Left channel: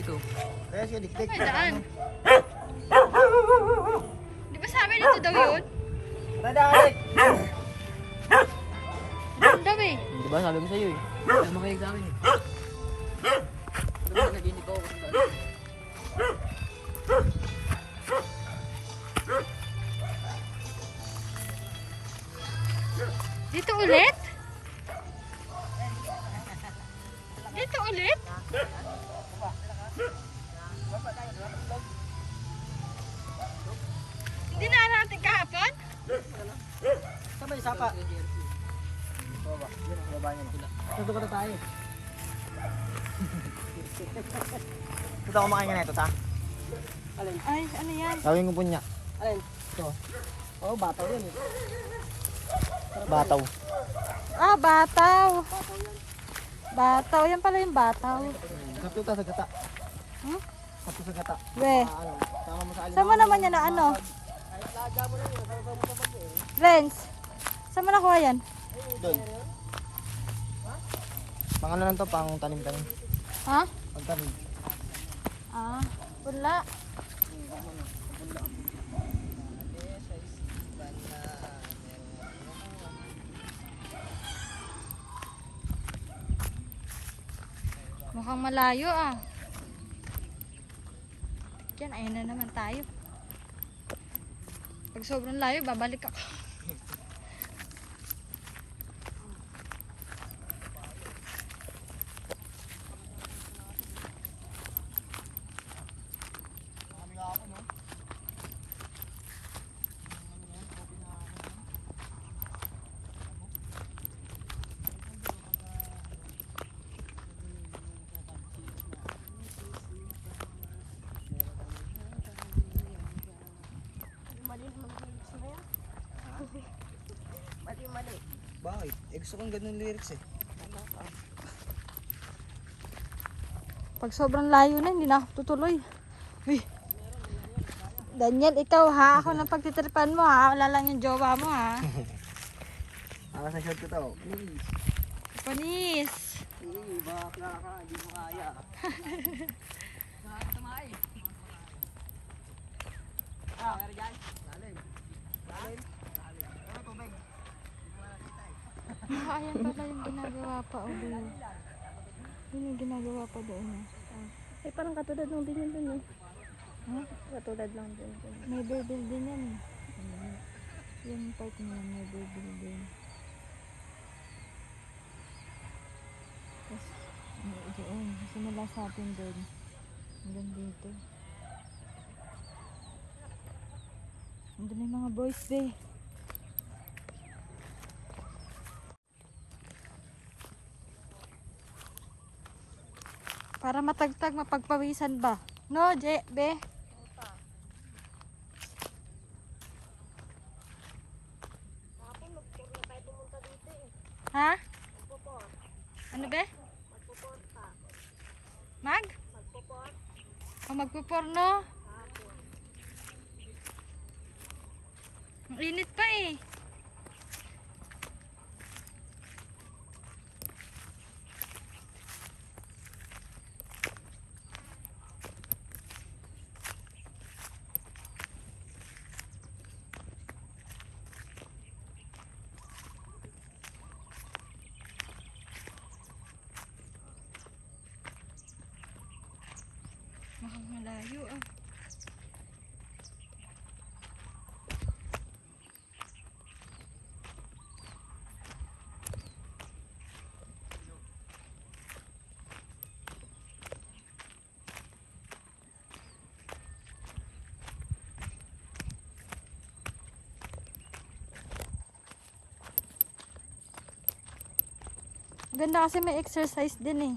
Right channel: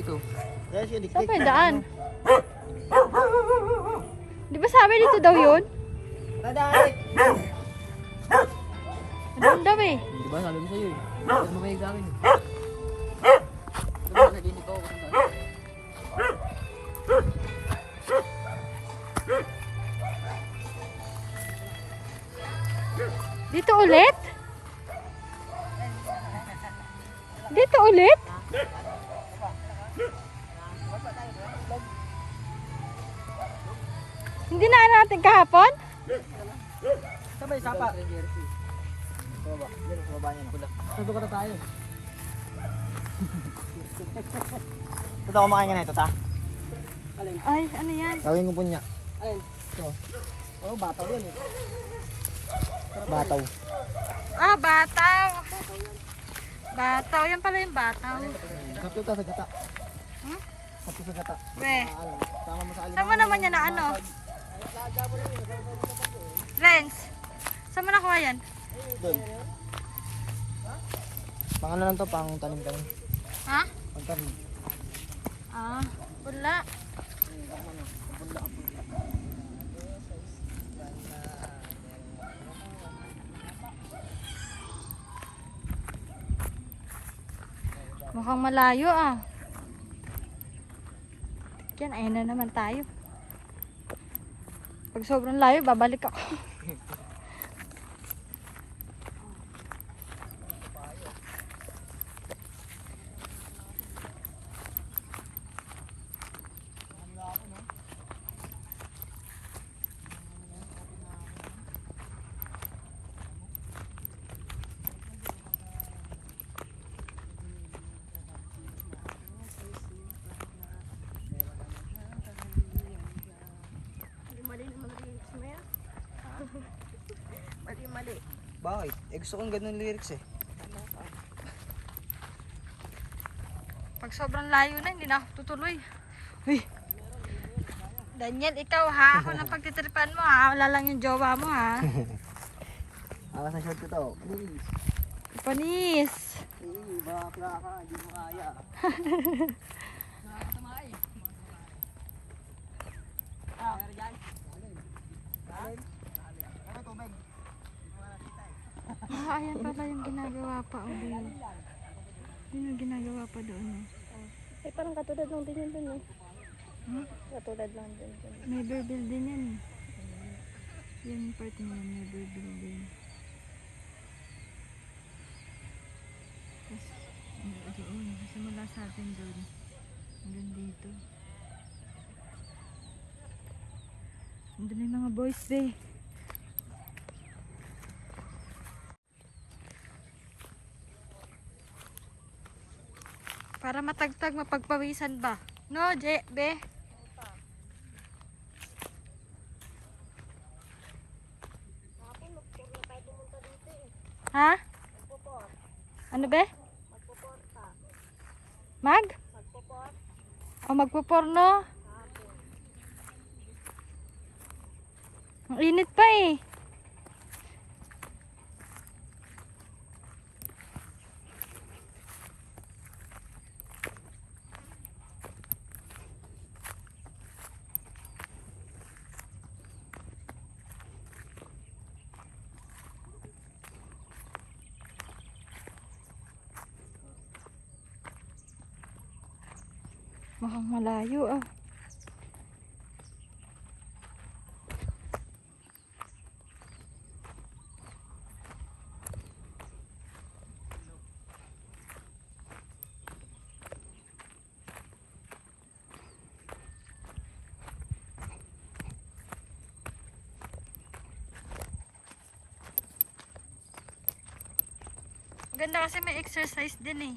Dito. Saan pa yung daan? Di ba sabi dito daw yun? Ano daw eh? Di ba sabi mo sa'yo eh. Huwag makinig sa akin eh. Di ba naginig ako kung saan? Dito ulit? Dito ulit? Hindi na ano natin kahapon? Sabay sapa. Baba. Yan, baba niya. Tuto ka na tayo. Ito ako makain ka na ito, ta? Alin? Ay, ano yan? Gawin ko po niya. Alin? Ito. Oh, bataw yan eh. Bataw. Ah, bataw. Bataw, yan pala yung bataw. Kapto ka sa gata. Hmm? Kapto sa gata. We, Ano, tama mo sa alin. saan mo naman yan na ano? Kahit laga mo lang yun, sa mo kapag yun. Renz, saan mo nakuha yan? Doon. Pang ano lang to, pang tanim-tanim. Ha? Pang tanim. Ah, wala. Mukhang malayo ah. Yan, ayun na naman tayo. Pag sobrang layo, babalik ako. Mali. Bakit? Gusto kong ganun lyrics eh. Pag sobrang layo na, hindi na ako tutuloy. Uy. Daniel, ikaw ha, ako nang pagtitripan mo ha, wala lang yung jowa mo ha. Akas na short ko to. Please. Panis. Bakla ka, hindi mo kaya. Nakakatamay. Ah, meron dyan? Lalim. Lalim? Lalim. Ano tubig? Hindi ko nakita eh. Ah, ayan pala yung ginagawa pa, Obi. Yun yung ginagawa pa doon eh. Eh, parang katulad lang din yun dun eh. Huh? Katulad lang din dun. May burbil din yan eh. Yung part na yan, may burbil din. Tapos, doon, simula sa atin doon. Hanggang dito. Nandun na yung mga boys eh. Para matagtag, mapagpawisan ba? No, Be? Ha? Ano be? Mag? O magpuporno? Ang init pa eh. Mukhang malayo ah. Ganda kasi may exercise din eh.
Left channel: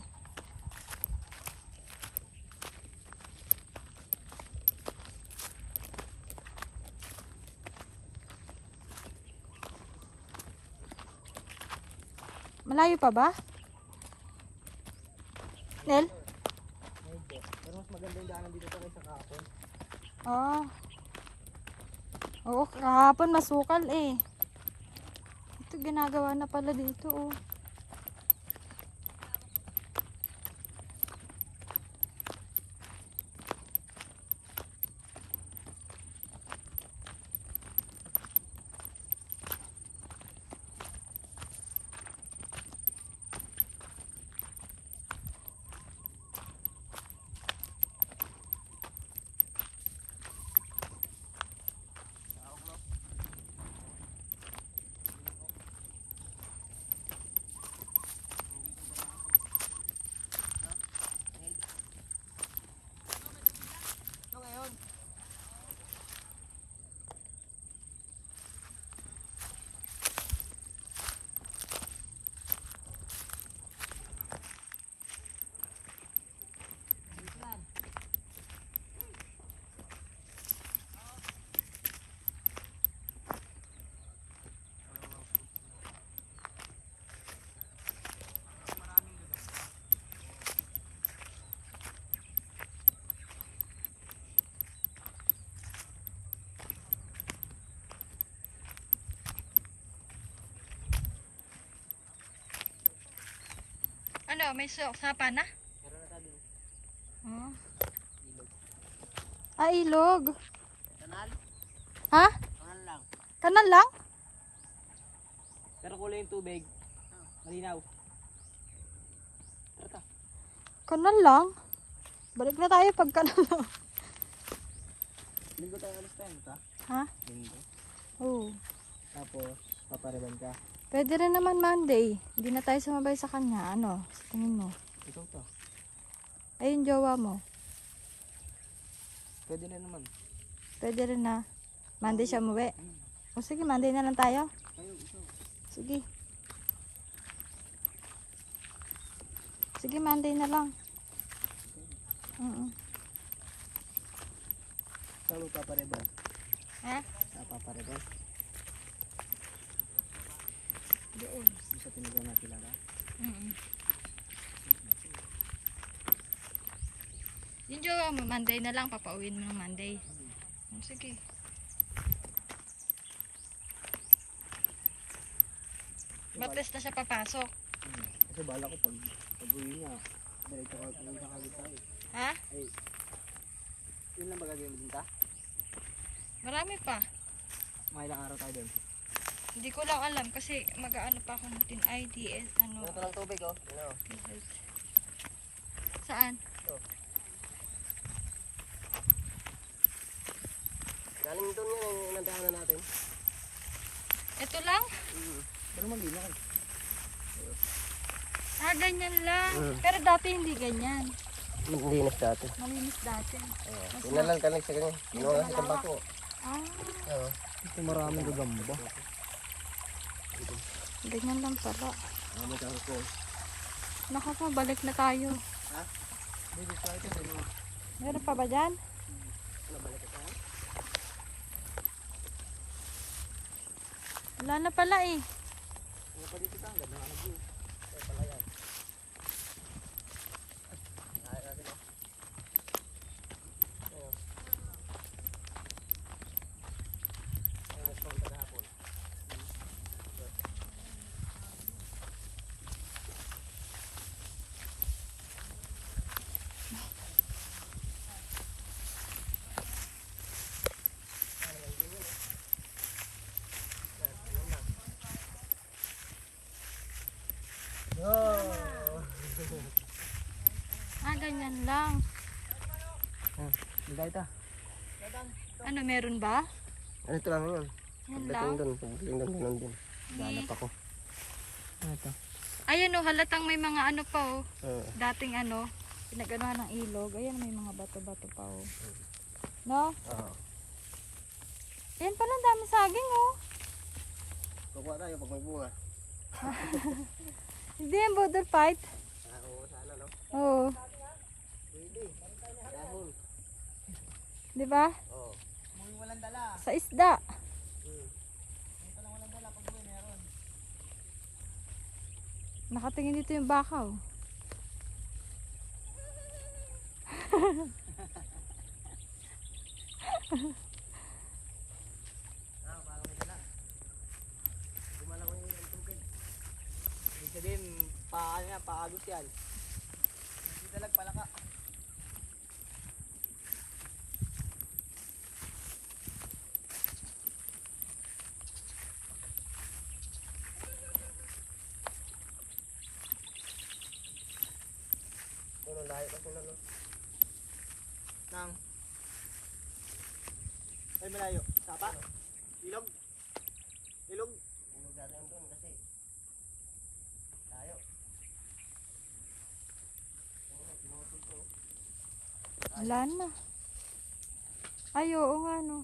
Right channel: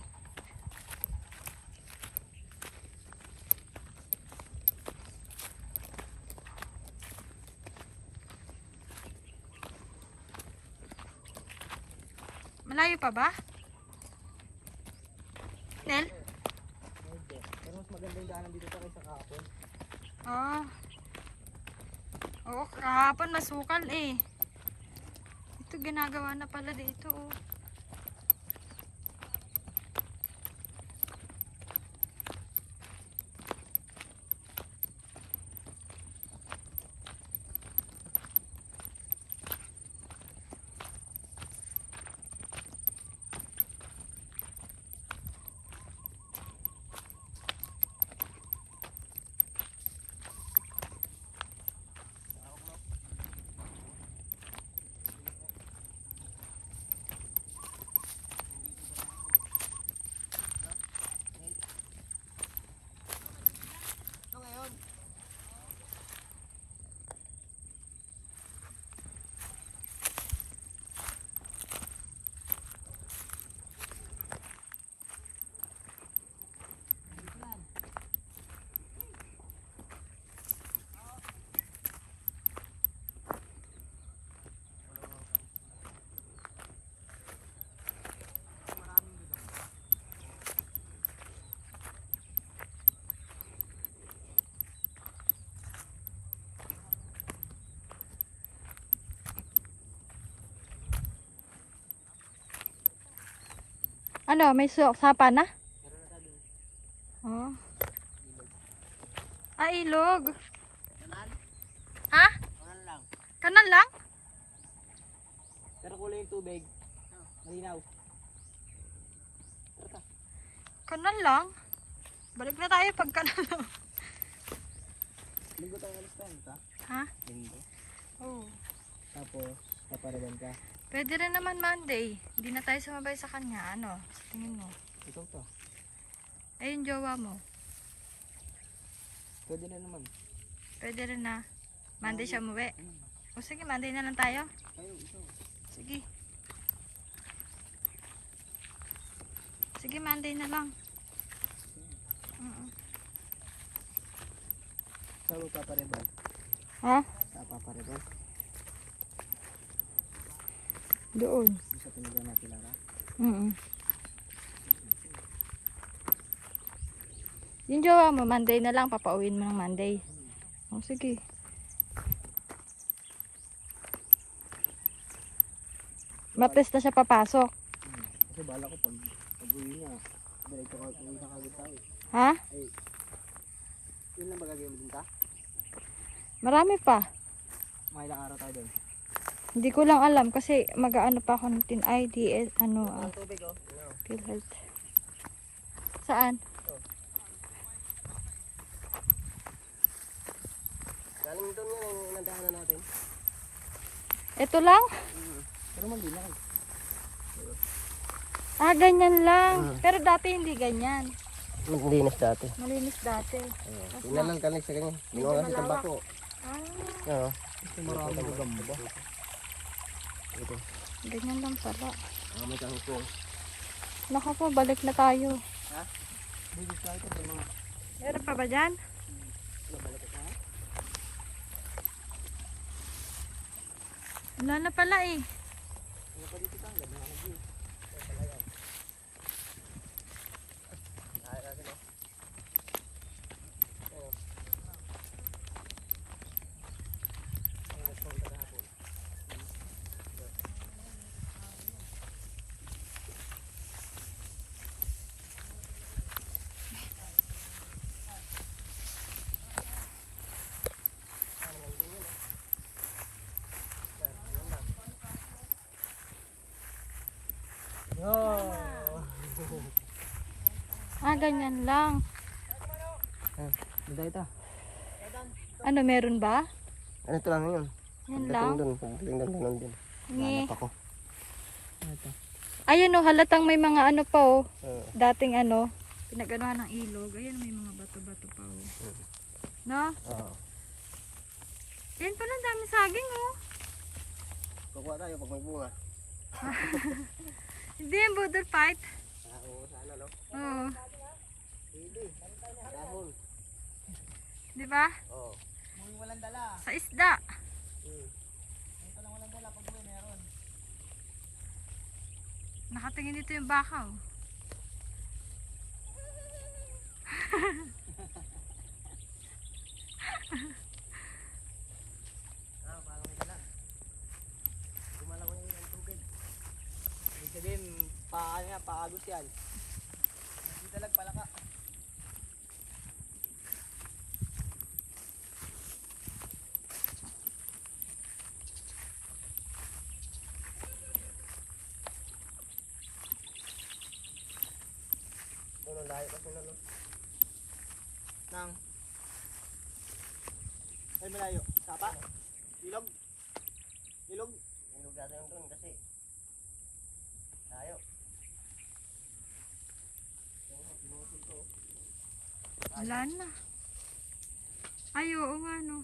Malayo pa ba? Nel? Medyo. Pero mas maganda yung daanan dito kaysa kahapon. Oo. Oo, kahapon masukal eh. Ito ginagawa na pala dito oh. Ano, may sapa na? Meron na tayo. Oh. Ah, ilog. Kanal? Ha? Kanal lang. Kanal lang? Pero kulay yung tubig. Malinaw. Tara ta. Kanal lang? Balik na tayo pag kanal lang. Linggo tayo alis tayo, ta? Ha? Linggo. Oo. Tapos, paparaban ka. Pwede rin naman Monday. Hindi na tayo sumabay sa kanya. Ano? Sa tingin mo? Ikaw to. Ayun, jowa mo. Pwede na naman. Pwede rin na. Monday siya umuwi. O sige, Monday na lang tayo. Kayo, ikaw. Sige. Sige, Monday na lang. Saan mo papareban? Ha? Sa papareban? Doon. Sa pinagawa natin lang, ha? Yung jowa mo, Monday na lang. Papauwiin mo ng Monday. O sige. Martes na siya papasok. Kasi bala ko pag uwi niya, diretso ka uwi na kagad tayo. Ha? Ay, yun lang ba gagawin mo din ta? Marami pa. Mga ilang araw tayo doon. Hindi ko lang alam kasi mag-aano pa ako ng TID, ano, Walang tubig, oh. Ano? PhilHealth. Saan? Galing doon yan, yung inandahanan natin. Ito lang? Pero magina kayo. Ah, ganyan lang. Pero dati hindi ganyan. Malinis dati. Malinis dati. Yun lang kami sa ganyan. Medyo Yung kasi malawak. tabako. Ah, Oo. Ito marami ko gamba. ganyan lang pala. Marami kang ko. Naku po, balik na tayo. Ha? Baby flight ito. Meron pa ba dyan? Ano balik ka? Wala na pala eh. Ano pa dito ka? Ganda nga nag-view. Ay, palayaw. Ay, natin o. Ayun. Ay, nagpunta kahapon. Ah, ganyan lang. Maganda ito. Ano, meron ba? Ano ito lang yun? Yan lang. Pagdating doon, ganun din. Nge. Ako. Ano ito? Ayan o, halatang may mga ano pa o. Oo. Dating ano, pinaganohan ng ilog. Ayan, may mga bato-bato pa o. No? Oo. Yan pala, ang dami saging o. Kukuha tayo pag may bunga. Hindi yung border fight. Oo, sana no? Oo. Pwede. Dahon. Di ba? Oo. Muli walang dala. Sa isda. Ito lang walang dala pag buhay meron. Nakatingin dito yung baka oh. Ah, parang may dala. Gumalaw yung tubig. Ibig sabihin, paagos yan. Hindi talag palaka. Ano, layo kasi na no? Nang. Ay, malayo. Sapa? Ilog? Ilog? Ilog dati yung doon kasi. Layo. Wala na. Ay, oo nga no.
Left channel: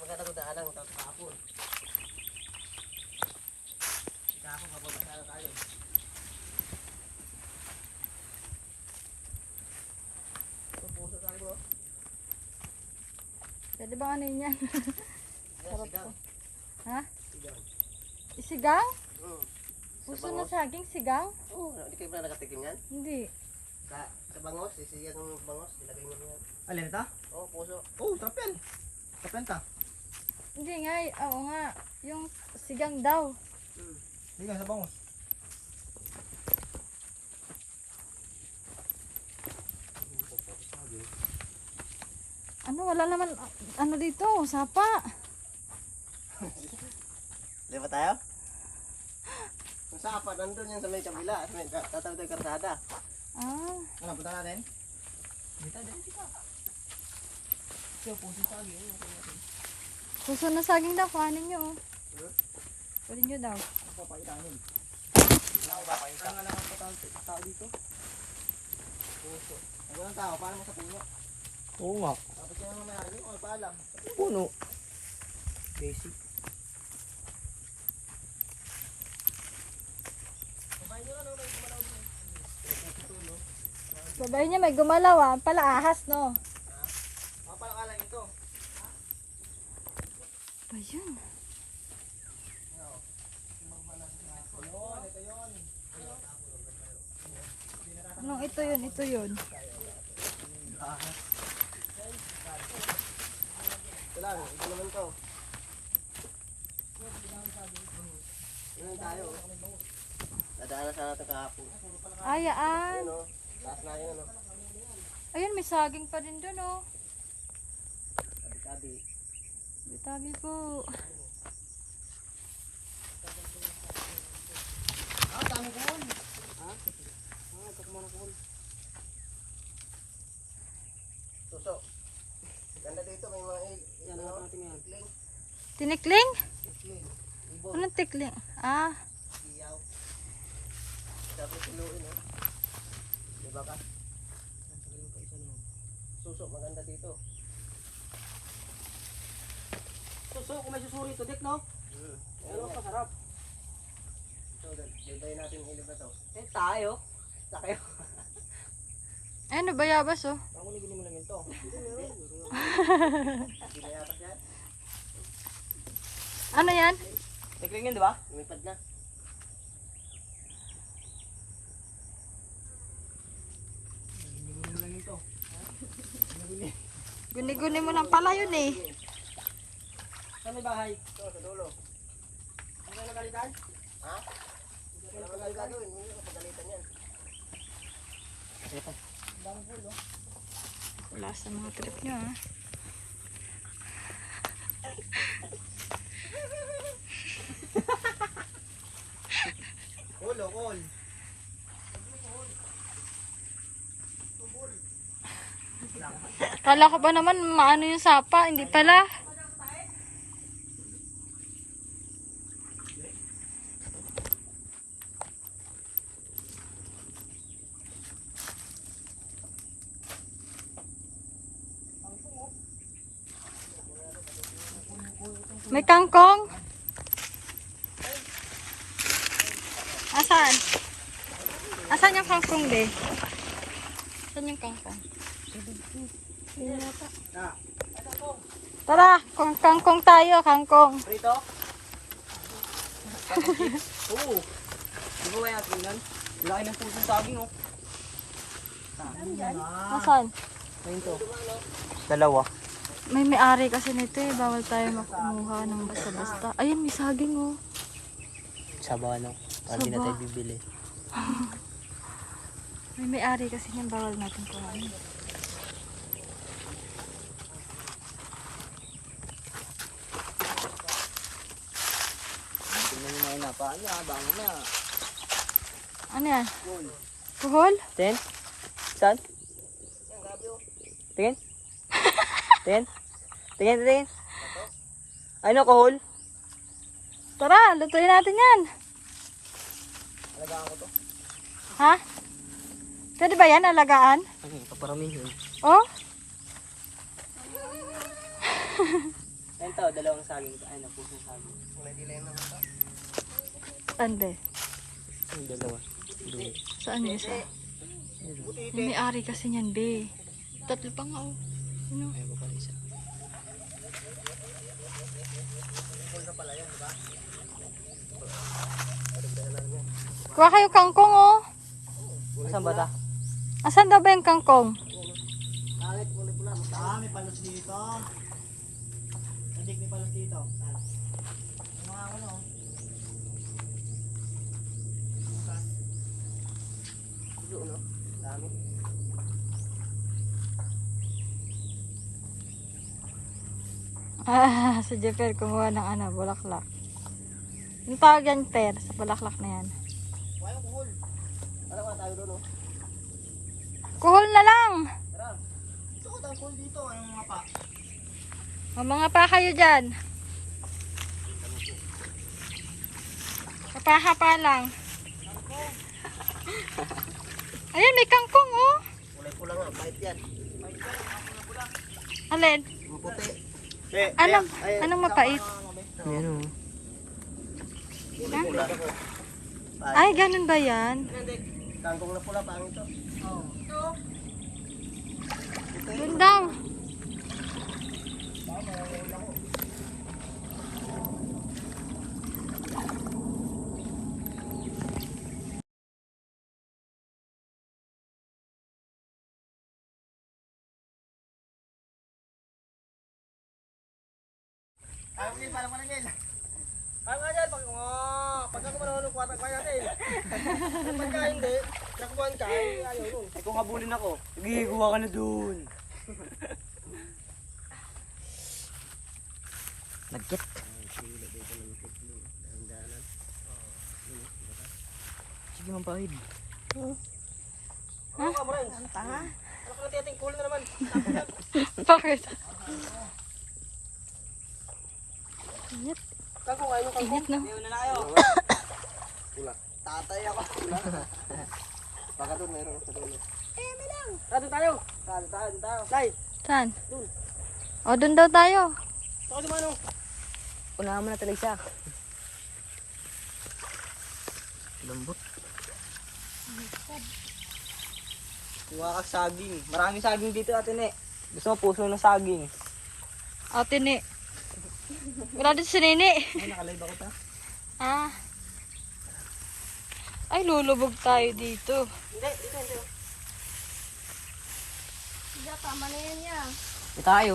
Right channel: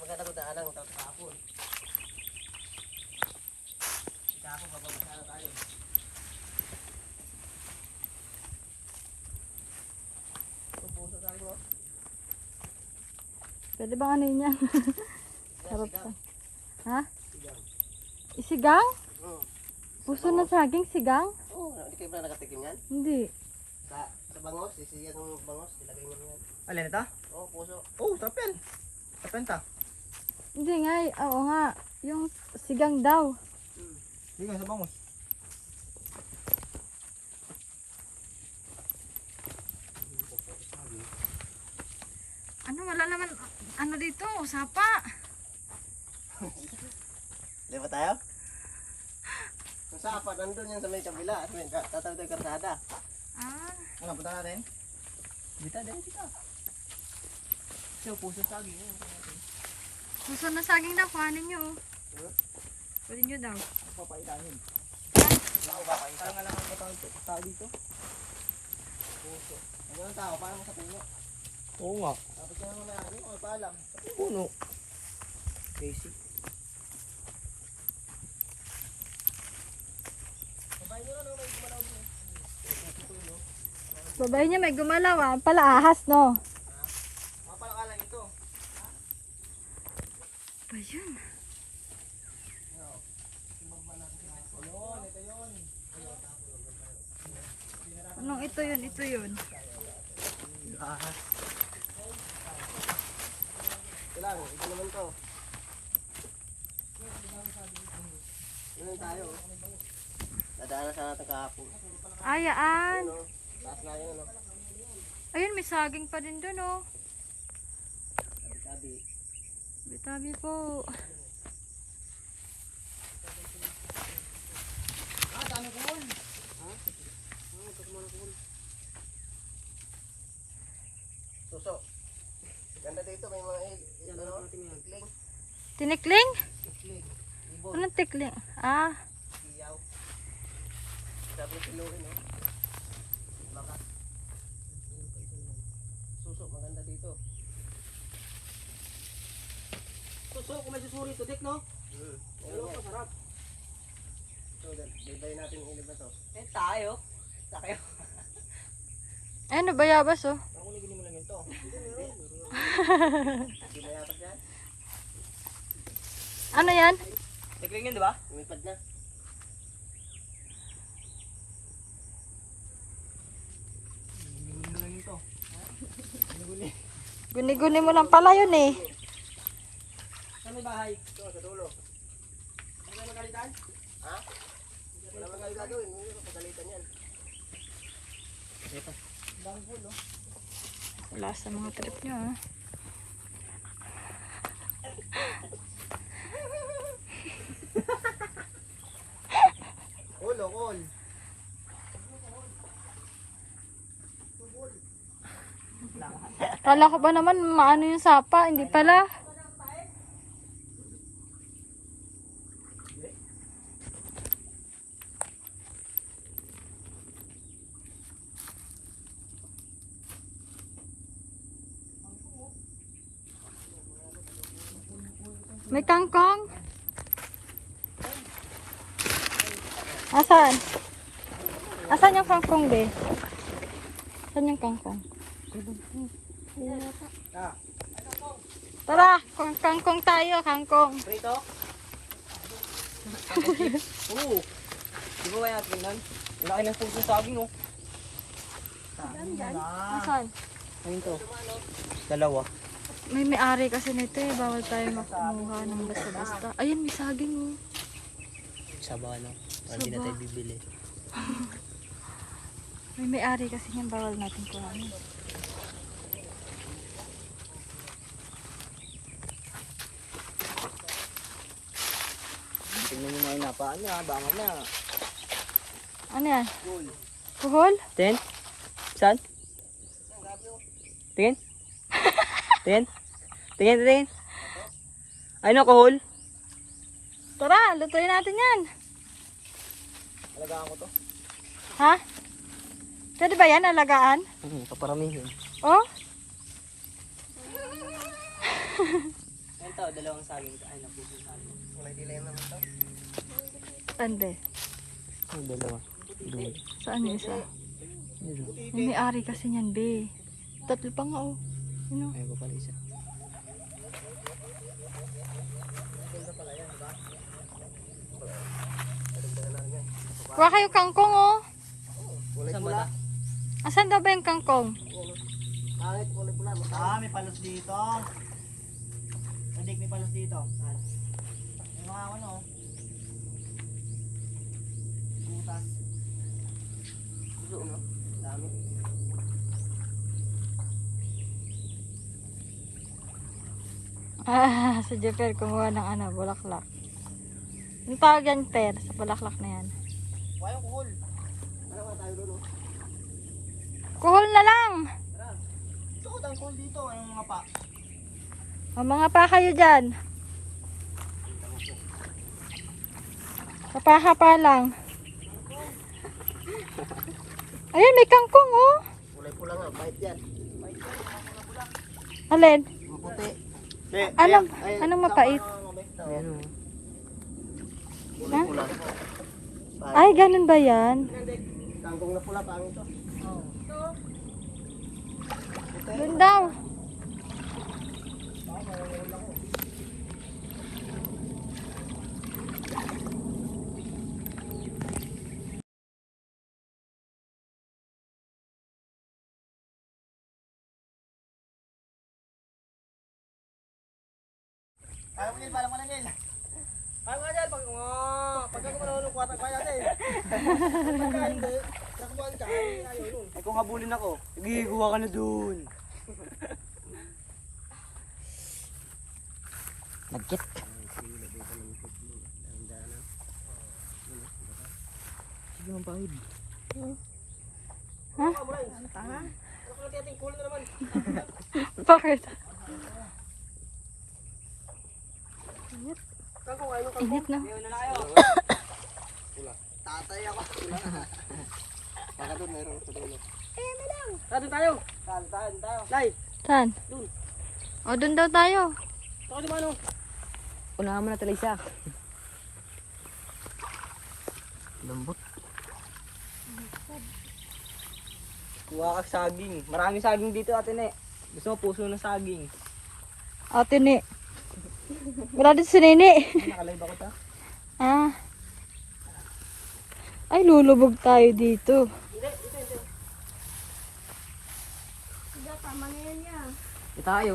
Maganda ko daanan tapos kahapon. Kahapon papapasala tayo. Pupuso tayo bro. Pwede bang ano yun yan? Sarap Sigaw. to. Ha? Sigaw. Isigang? Oo. Puso na saging, sigang? Oo, hindi kayo pala nakatikim yan? Hindi. Sa bangos, sisiyan ng bangos, ilagay mo yan. Alin ito? Oo, puso. Oh, tapin. Tapenta. Hindi nga, oo nga. Yung sigang daw. Hindi nga sa bangos. Ano, wala naman, ano dito, sapa. Di ba tayo? Kung sa apat, nandun yan sa may kabila. Tatawid tayo kartada. Ah, Ano, punta natin? Dito. So, puso saging. puso na saging daw, kuhanin nyo. Oh. Pwede nyo daw. Papaitanin. Ako ba pa isa? Tama na ang tao dito. Puso. Ang walang tao, paano mo sa puno? Oo nga. Tapos yan naman may ano, paalam. Puno. Basic. Sabay nyo lang, may gumalaw din. Puso, Babay niya may gumalaw ah. Pala ahas, no? Mga palakalan ito. Ba yun? Ayun, ito yun. Anong ito yun? Ito yun. Ito lang, ito naman to. Ano tayo? Dadaanan sana natin kahapon. Ayaan. Ayun o, taas na yun ano. Ayun, may saging pa din dun, oh. Sabi, Bitabi po. dami ko hol. Ha? Ito kumano ko hol. Suso. Ganda dito, may mga tikling. Tinikling? Tikling. Ibon. Anong tikling? Ah, Siyaw. Sabi siluin eh. Diba ka? Suso, maganda dito. Suso, kung may susuri ito, Dick, no? Ano pa sarap? So, daday natin yung ilib na to. Eh, tayo. Tayo. ano bayabas, oh. Ako naginin mo lang yun to. Ginayapas yan? Ano yan? Tikling yun, di ba? Lumipad na. Ginimin mo lang yun to. Guni-guni mo lang pala yun, eh. Saan may bahay? Ito, sa dulo. Ano kayo nagalitan? Ha? Hindi ko nagalitan doon. Hindi ko pagalitan yan. Ito. Bang pulo. Wala sa mga trip nyo, ah. Kulo, kul. Kala ko ba naman maano yung sapa? Hindi pala. May kangkong? Asan? Asan yung kangkong, be? Asan yung kangkong? Tara, kangkong tayo, kangkong. Prito? Oo. Di ba kaya tingnan? Laki ng puso saging, oh. Asan? Yun to. Dalawa. May may-ari kasi nito eh. Bawal tayo makumuha ng basta-basta. Ayun, may saging oh. Saba na. Hindi na tayo bibili. May may-ari kasi niyan. Bawal natin kuhanin. Tingnan mo nga yung mapaan niya. Baka na. Ano yan? Goal. Kuhol? Ten? Saan? Tingin? Tingin? Tingin? Ay, nakuhol? Tara, lutuin natin yan. Ha? Pwede ba yan, alagaan? Hindi, paparamihin. Oh? Yan tao, dalawang saging. Ay, napusong saging. Ande. Ang dalawa. Saan yung isa? May may-ari kasi niyan, be. Tatlo pa nga oh. Ano? Ay, ba pala isa? Kuha kayo kangkong oh. Kulay Saan ba pula. ta? Asan daw ba yung kangkong? Pangit, kulay pula. May palos dito. Adik, may palos dito. Yung mga ano. Butas. Dami. Ah, si Jeffer kumuha ng ano, bulaklak. Yung tawag yan, Per, sa bulaklak na yan. Wayang kuhol. Tara nga tayo doon, oh. Kuhol na lang! Tara. Gusto ko tayong kuhol dito. Anong mga pa? O mga pa kayo dyan. Kapaha pa lang. Ayan, may kangkong oh. Kulay pula nga. Bait yan. Alin? Maputi. Anong mapait? Ayan. Ha? Pula. Ay, ganun ba yan? Kangkong na pula. Pangit to. Doon daw. Ayaw mo, Ngil. Parang mo lang, Ngil. Ayaw nga dyan. Pag hindi mo nahulog, kuwatak pa natin. Kapag ka hindi, nakubuhan ka. Ayaw mo. Eh kung habulin ako, nagigiguha ka na dun. Nagkit. Sige mong pahid. Ha? Ano ka na tiyating cool na naman. Bakit? Kangkong, ayaw nyo Init no? Ayaw na tayo. Tatay ako. Baka doon, mayroon sa dulo. Doon tayo. Doon tayo. Lay. Saan? O, doon daw tayo. Saan di ba ano? Una naman na talay siya. Lambot. Kuha ka saging. Maraming saging dito atin eh. Gusto mo puso ng saging. Ate ni. Wala dito si Nini. Ay, nakalive ako ta. Ah. Ay, lulubog tayo dito. Tama na yan yan. Ito tayo.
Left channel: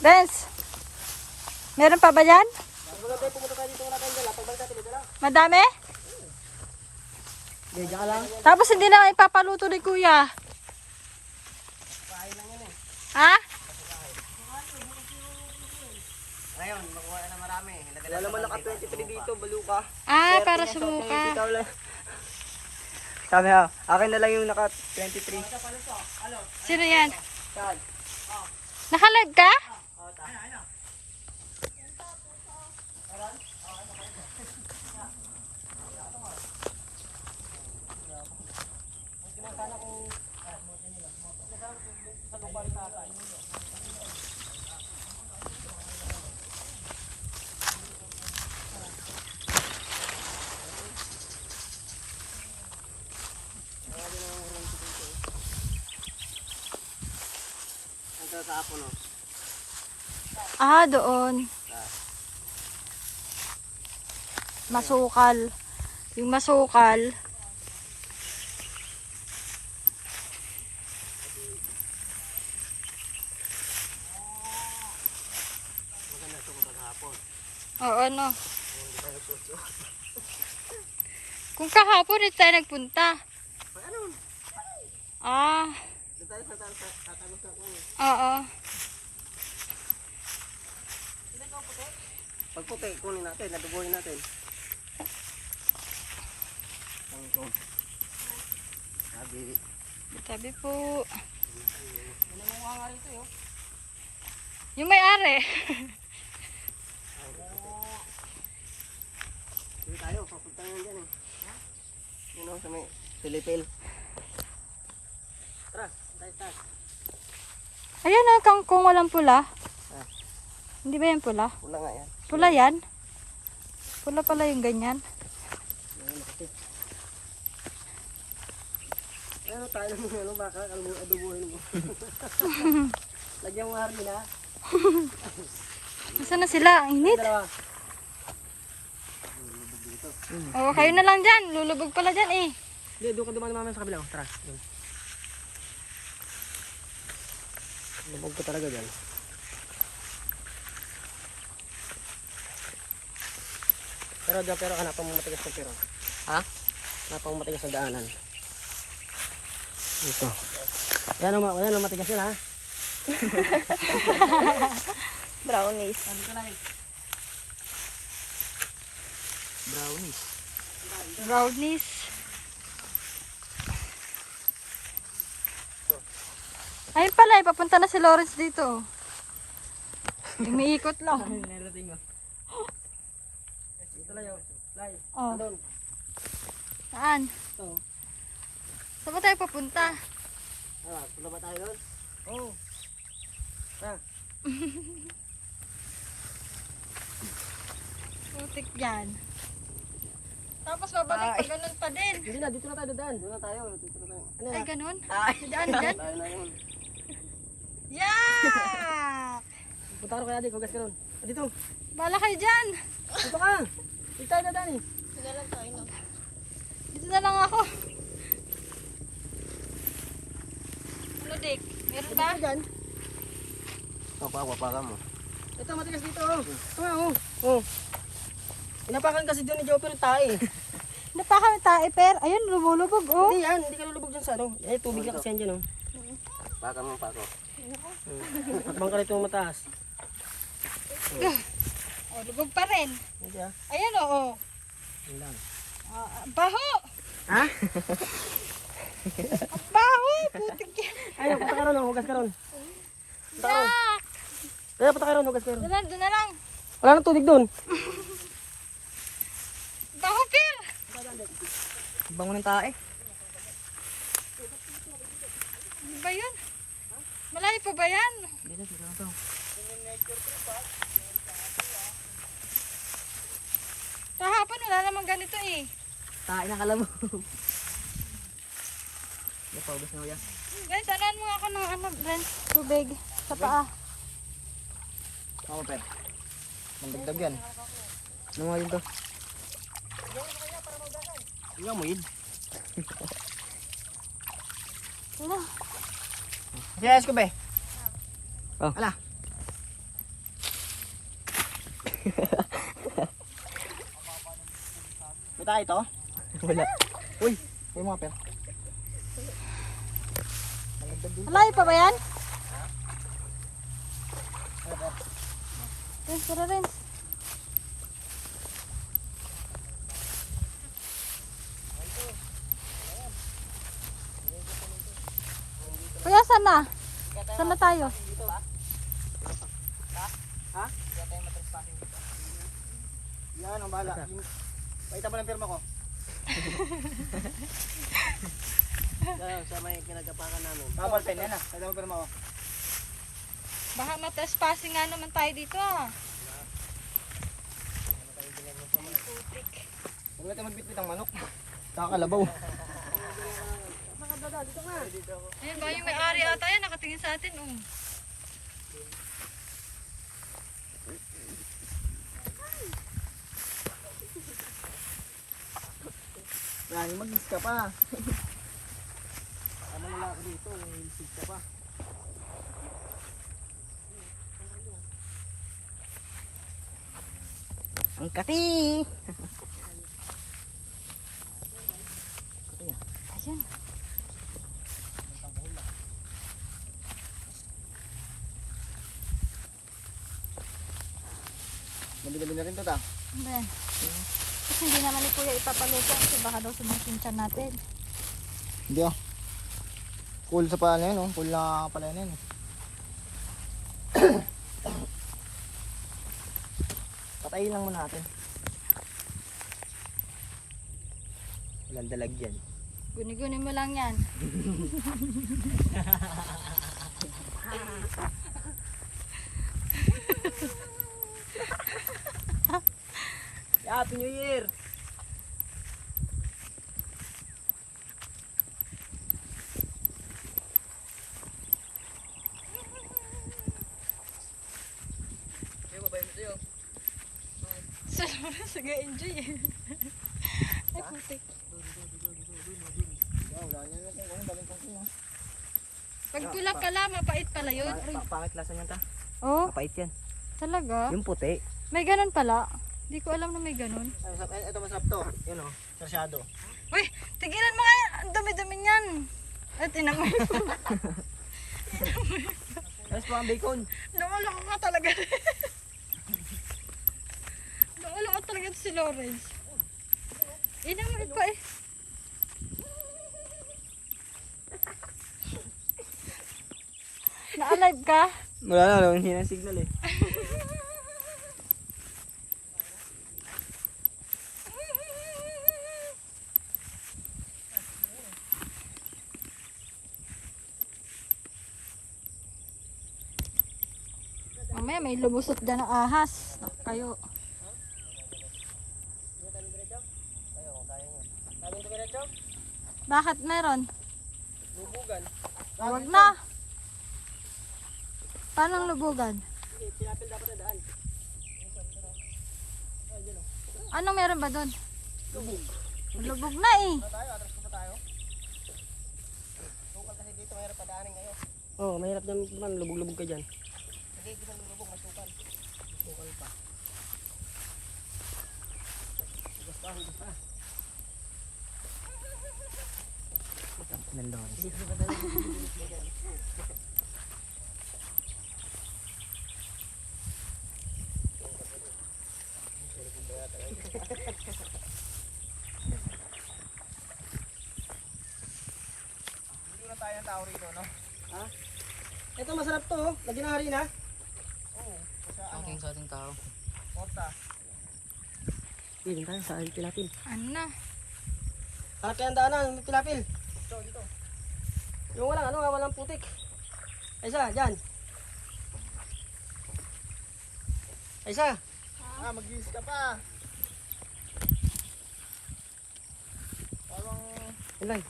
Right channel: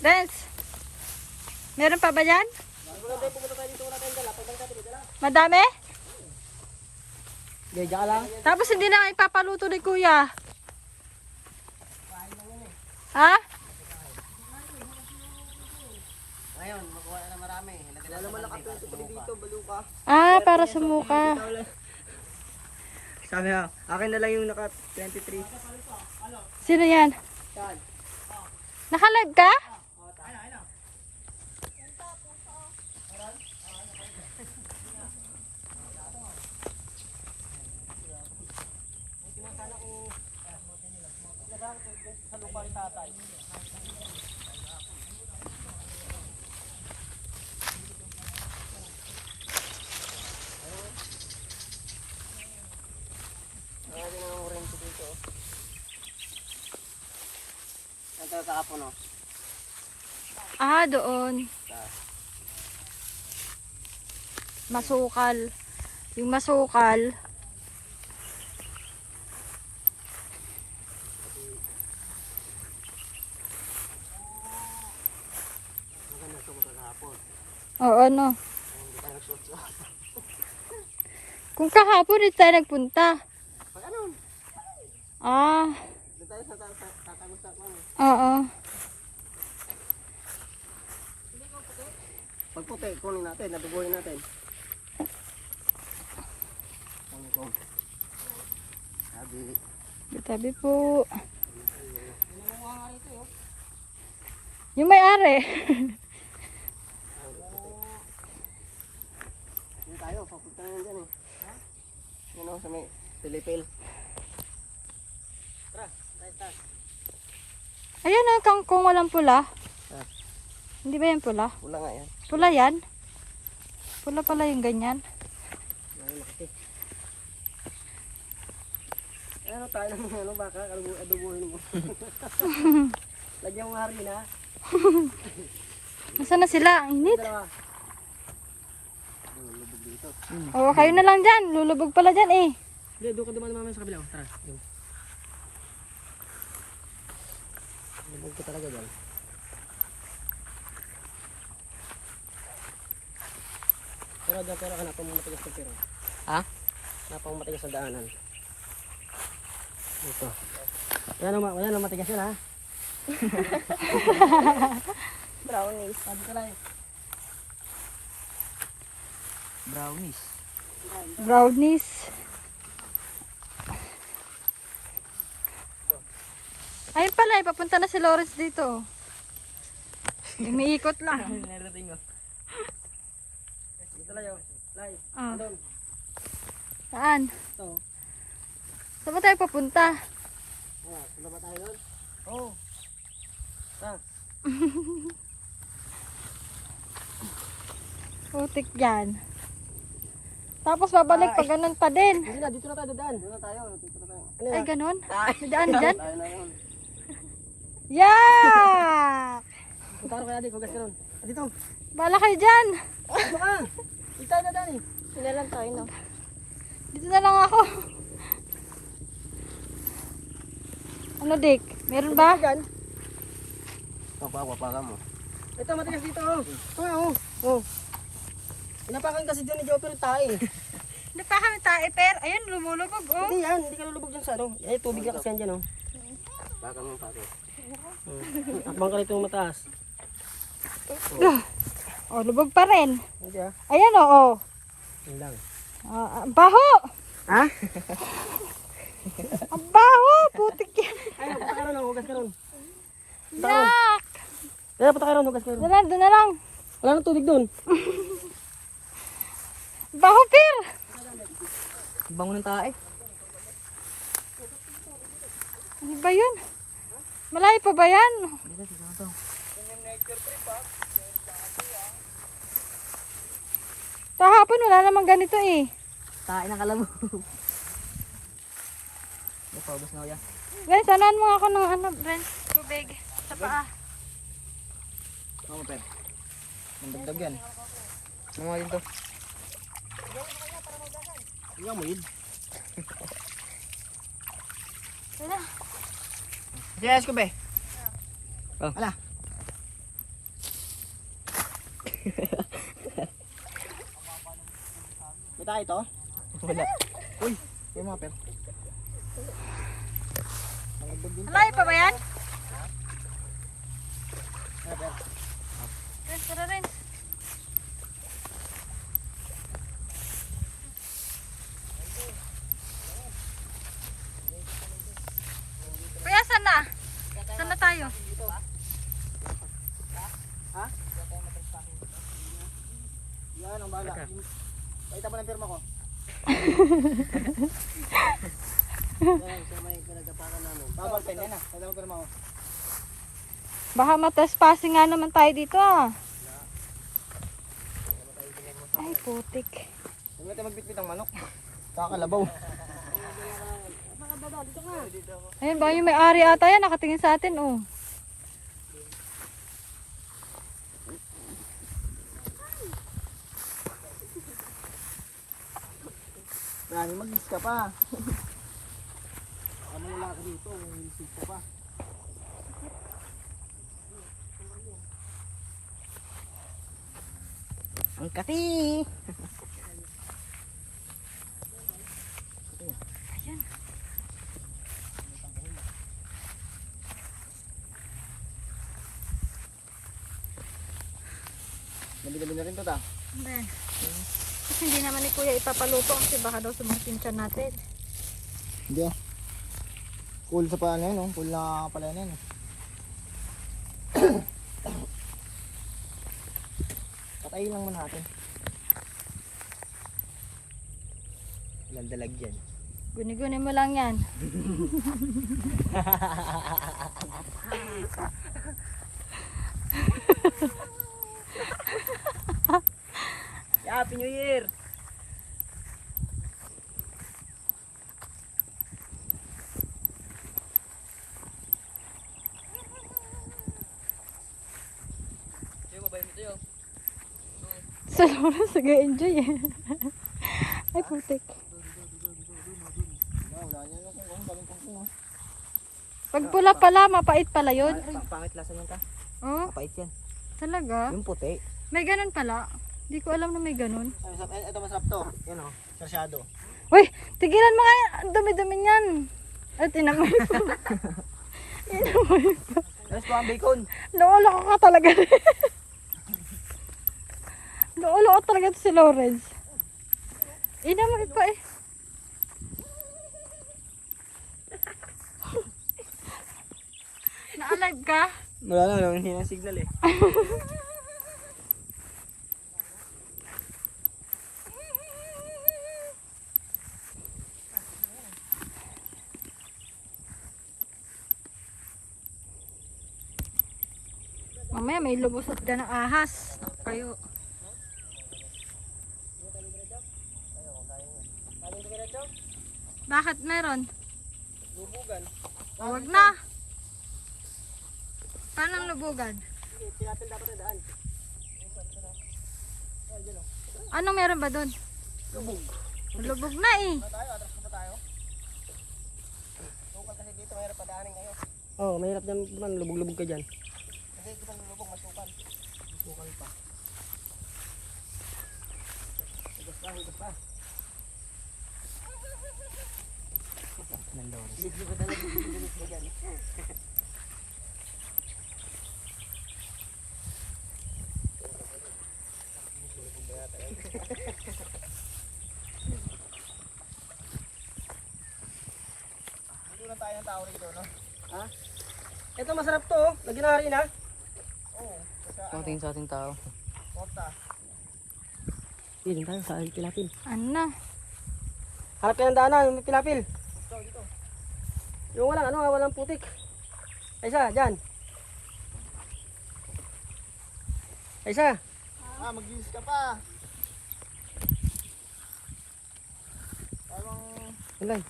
Dance. Meron pa ba yan? Madami? Gaya lang. Tapos hindi na ipapaluto ni Kuya. Ha? Ngayon, makuha na marami. Wala naman naka-20 dito, baluka. Ah, para sumuka. Sabi ha, akin na lang yung naka 23. Sino yan? Saan? Nakalag ka? Saan sa apo, no? Ah, doon. Masukal. Yung masukal. Maganda ito ko kahapon. Oo, ano. Kung kahapon dito tayo nagpunta. Pag ano? Ah, Doon tayo sa tatagos sa kwan. oo. Pag puti, kunin natin, nabubuhin natin. Kangkong. Sabi. Tabi po. Nangunguha nga rito, yun. Yung may-ari. Doon tayo, papunta ngayon dyan eh. Ha? Yun o, sa may Pilipil. Tara, tayo. Ayan na, kangkong walang pula. Hindi ba yan pula? Wala nga yan. Pula yan? Pula pala yung ganyan. Ano tayo ng ano baka, adubuhin mo. Lagyan mo harina. Nasaan na sila? Ang init. Dalawa. O, kayo na lang dyan. Lulubog pala dyan eh. Hindi, doon ka dumaan naman sa kabila. Tara, doon. Lubog ko talaga dyan. Pero dyan, pero hanap pang matigas ng pera. Ha? Hanap pang matigas ng daanan. Ito. Yan ang matigas yun, ha? Brownies. Sabi ko lang. Brownies. Brownies. Ayun pala, papunta na si Lawrence dito. Umiikot lang. Narating ko. Ito lang yun. Lai. Oh. Doon. Saan? Ito. Saan ba tayo papunta? Punta ba tayo doon? Oo. Putik yan. Tapos babalik pa ganun pa din. Hindi na, dito na tayo dadaan. Doon na tayo. Dito na tayo. Ano Ay, yan? ganun? Daan dyan? Tayo na yun. Yak! Punta ka rin kaya di, hugas ka ron. Dito. Bala kayo dyan. Dito ka. Dito tayo dadaan eh. Hindi lang tayo, no? Dito na lang ako. Ano, Dick? Meron ba? Papakan mo. Ito, matigas dito. Oo. Oo. Inapakan kasi doon ni Jopper yung tae. Napakami tayo, per. Ayun, lumulubog, oh. Hindi yan, hindi ka lulubog dyan sa ano. Eh, tubig na kasi yan dyan, oh. Pakan mo, pakan. Atbang ka rito yung mataas. Oh, lubog pa rin. Hindi ah. Ayan, oh. Yan lang. Baho! Ha? Ang baho! Putik yan. Ayun, punta ka ron, oh. Hugas ka ron. Yak! Ayun, punta ka ron, hugas ka ron. Doon na lang. Wala nang tubig doon. Baho, per. Bango ng tae. Ano ba yun? Malayo pa ba yan? Dito, dito na to. Kahapon wala namang ganito eh. Tae na kalabo. Napaubos na yan. Guys, sanahan mo ako ng ano, Ren, tubig sa paa. Ako, per. Mandagdag yan. Ano nga yun to? Hindi ka muid. Wala. Yes, ko be. Ala. May tayo ito? Wala. Uy, yung mga per. Malayo pa ba yan? Ren, tara Ren. Kuya, saan na? Saan na tayo? Ha? Yan, ang bahala. Pakita mo ng firma ko. Sa may pinagapakan namin. Tapos, pen yan ah. Pakita mo firma ko. Baka matrespassing nga naman tayo dito ah. Ay, putik. Huwag natin magbitbit ang manok. Kakalabaw. Ayun ba yung may-ari ata yan, nakatingin sa atin oh. Marami mag-is ka pa. Tama wala ka dito, mag-is ka pa. Ang kati! Ayan. Nabi-nabi na rin to ta. Ben. Kasi hindi naman ni Kuya ipapaluto kasi baka daw sumangkinsan natin. Hindi ah. Cool sa paa na yun, oh. Cool na pala na yun. Patayin lang muna natin. Walang dalag yan. Guni-guni mo lang yan. Happy New Year! Sa Lawrence, nag-enjoy eh. Ay, putik. Wala niya na kung daming kung Pag pula pala, mapait pala yun. Pangit lasa niyan ta. Oh, Mapait yan. talaga? Yung puti. May ganun pala. Hindi ko alam na may ganun. Ito masarap to. Yan o. Sarsyado. Uy, tigilan mo nga yan. Ang dumi-dumi niyan. At inamoy ko. Inamoy ko. Tapos ko ang bacon. Naulok ka talaga. Naulok ka talaga si Lawrence. Inamoy pa eh. Na-alive ka? Wala na, hindi na signal eh. Mamaya may lumusot dyan ng ahas. Naku kayo. Kagin tumiretso? Bakit meron? Lubugan. Huwag na. Paano ang lubugan? Pinapil dapat na daan. Anong meron ba doon? Lubog. Lubog na eh. Tayo, atras pa tayo. Lubog kasi dito, mahirap padaanin kayo. Oo, mahirap naman lubog-lubog ka dyan. Hindi, di ba lubog, masukan. Masukan pa. Hugas pa, hugas pa. Bilis ko talaga bilis mo dyan. Hindi na tayo ng tao rito, no? Ha? Ito masarap to, oh. Lagyan na rin, ha? Sa ating tao. Hindi tayo sa ating tilapil. Ano na? Harap tayo ng daanan, may tilapil. Yung walang putik. Isa, dyan. Isa. Mag-use ka pa. Parang... Ulay.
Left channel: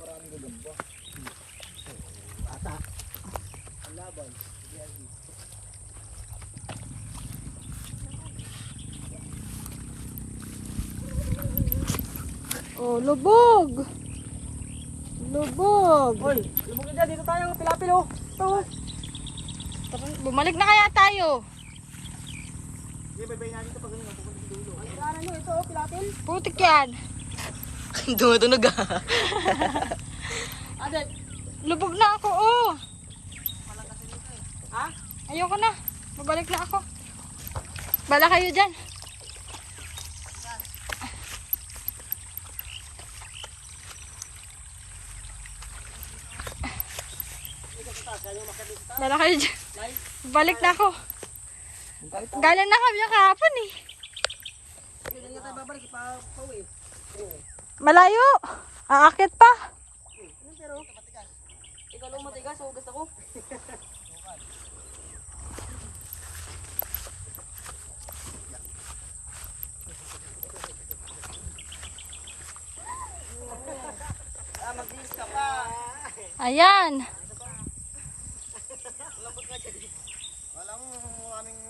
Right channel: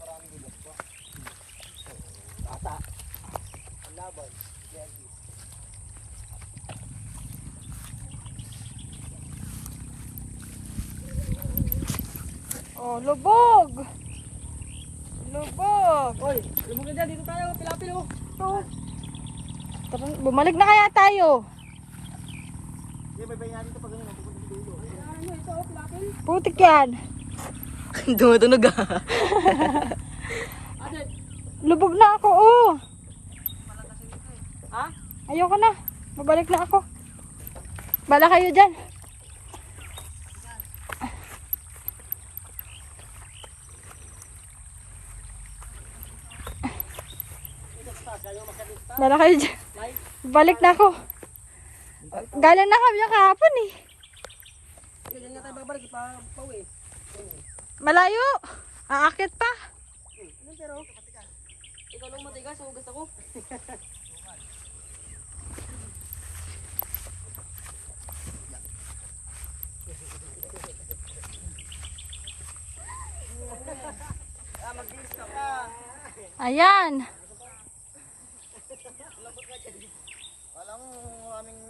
Maraming gulong ba? Bata. Ang laban. Oh, lubog. Lubog. Oy, lumugin dyan. Dito tayo ng tilapil, oh. Ito, oh. Tara, bumalik na kaya tayo. Sige, bay-bay natin ito pag ganyan. Pupunta sa dulo. Ano nyo, ito, oh, tilapil? Putik yan. Tumutunog ah. Adet. Lubog na ako, oh. Ha? Ayoko na. Babalik na ako. Bala kayo dyan. Bala kayo dyan. Balik na ako. Galing na kami kahapon eh. Hindi na tayo babalik. Ipapawin. Malayo. Aakit pa. Ikaw lang matigas. Hugas ako. Mag-iis ka pa. Ayan. Walang maraming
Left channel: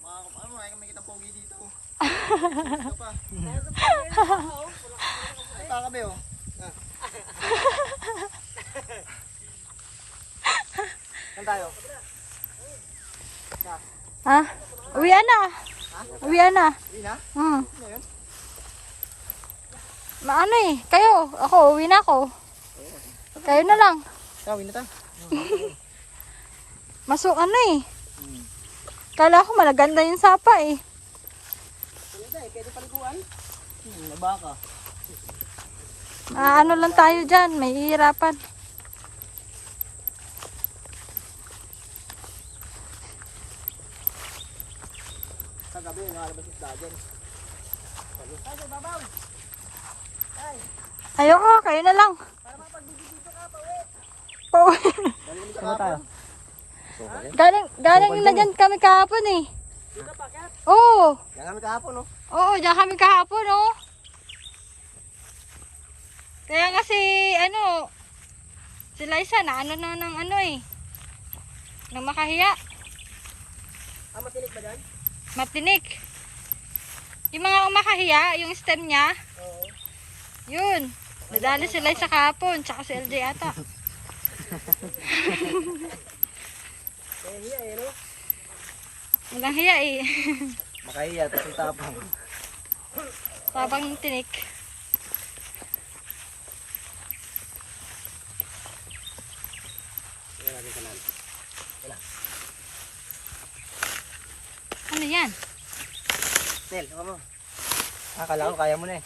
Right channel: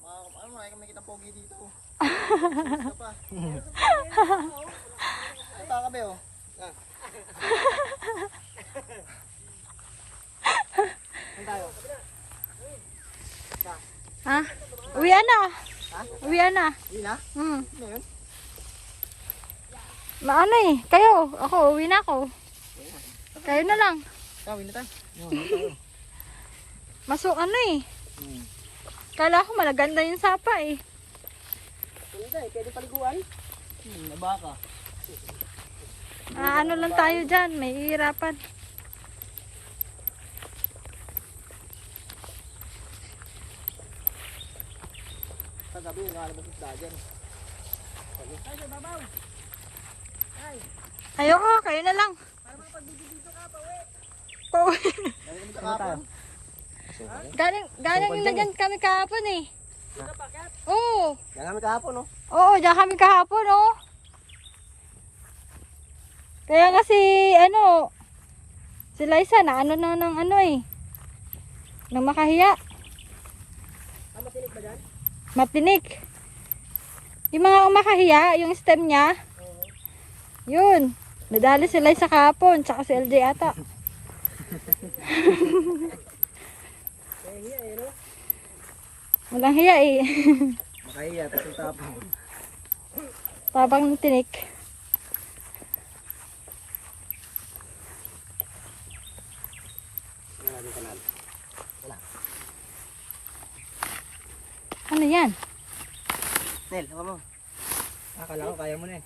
marami kami kitang pogi dito. Ito pa. Ay, baka kami oh. Saan tayo? Ha? Uwian na. Uwian na. Hindi na? Hmm. Maano eh. Kayo. Ako. Uwi na ako. Kayo na lang. Tawin na tayo. Masuk ano eh. Kala ko malaganda yung sapa eh. Pwede paliguan? Nabaka. Ano lang tayo dyan. May hihirapan. Sa gabi, nakalabas isda dyan. Ay, sa babaw! Ay, Ayoko. Kayo na lang. para mapagbibidyo ka pa, we! Pauwi. Galing kami kahapon. Galing na dyan kami kahapon eh. Oo. Galing kami kahapon, no? Oo. Dyan kami kahapon oh. Kaya nga si, si Liza na ano na ng nang makahiya. Matinik ba dyan? Matinik. Yung mga makahiya, yung stem niya, yun. Nadali si Liza kahapon, tsaka si LJ ata. Hiya eh, no? Walang hiya eh. Makahiya, tapos tapang. Tabang ng tinik. Ano yan? Nel, ano mo? Akala ko kaya mo na eh.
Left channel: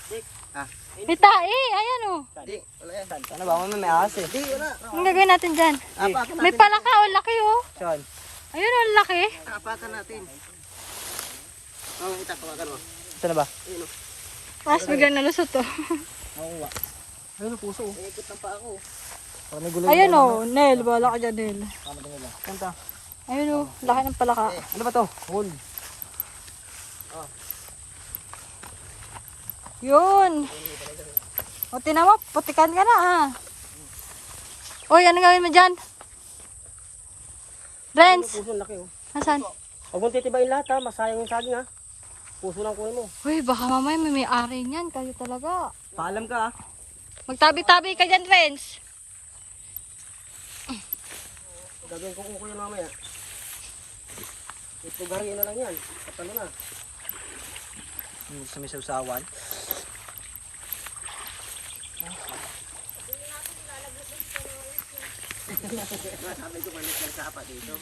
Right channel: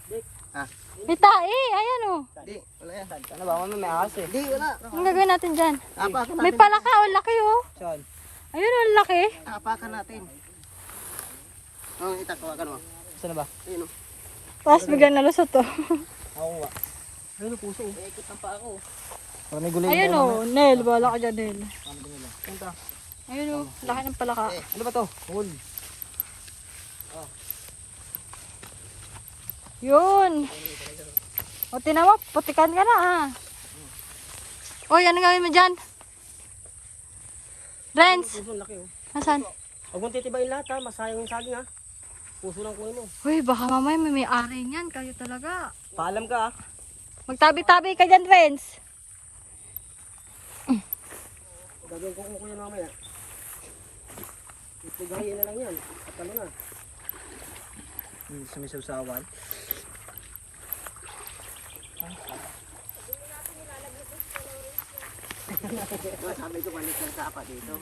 May tae, ayan oh. Di, wala yan. Ano ba? May ahas eh. Di, wala. Anong gagawin natin dyan? Apatan May palaka, oh, laki oh. Sean, Ayun oh, laki. apatan natin. Itakuwakan mo. Ito na ba? Tapos biglang nalusot to. Oo nga. Ayun ang puso. Nalikot ng pa ako. May gulay. Ayun oh, Nel, wala ka dyan Nel. Tama ito nila. Kanta. Ayun oh, laki ng palaka. Ano ba to? Hold. Yun. O tinawa, putikan ka na ah. Oy, ano gawin mo dyan? Renz, Puso laki oh. nasan? Huwag mong titibayin lahat ha, masayang yung saging ha. Puso lang kunin mo. Uy, baka mamaya may ari niyan. Kayo talaga. Paalam ka ha. Magtabi-tabi ka dyan, Renz. Gagawin ko mo kayo mamaya. Ipugari na lang yan. Kapano na. Sa may sausawan. Sabi ko balik ng sapa dito.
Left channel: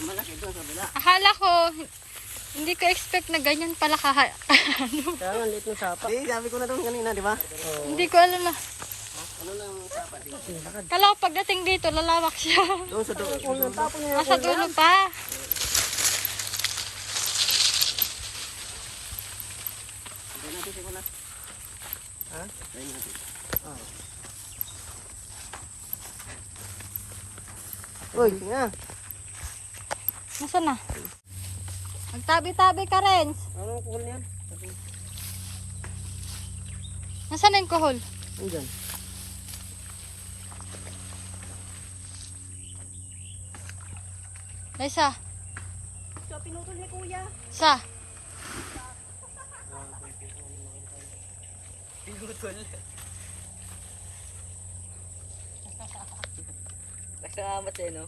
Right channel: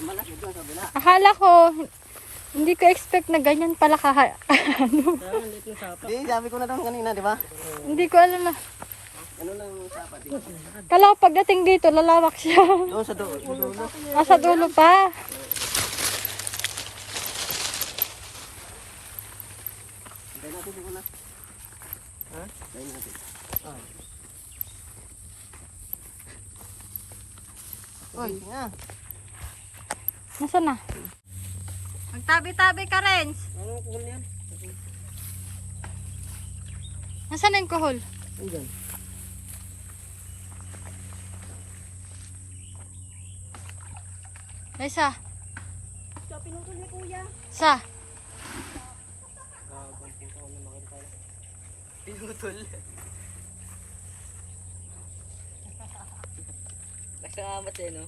Ang malaki doon sa bila. Akala ko, hindi ko expect na ganyan pala Kaya nga liit ng sapa. Di, sabi ko na doon kanina, di ba? Hindi ko alam na. Ano lang yung sapa dito? Kala ko pagdating dito, lalawak siya. Doon sa doon. Nasa dulo pa. Hintay natin siguro na. Ha? Hintay natin. Uy, tingnan. Nasaan na? Magtabi-tabi ka, Renz. Ano ang kuhol niyan? Nasaan na yung kuhol? Andyan. Liza, So, pinutol ni kuya. sa. Tigutol. Nakamat eh, no?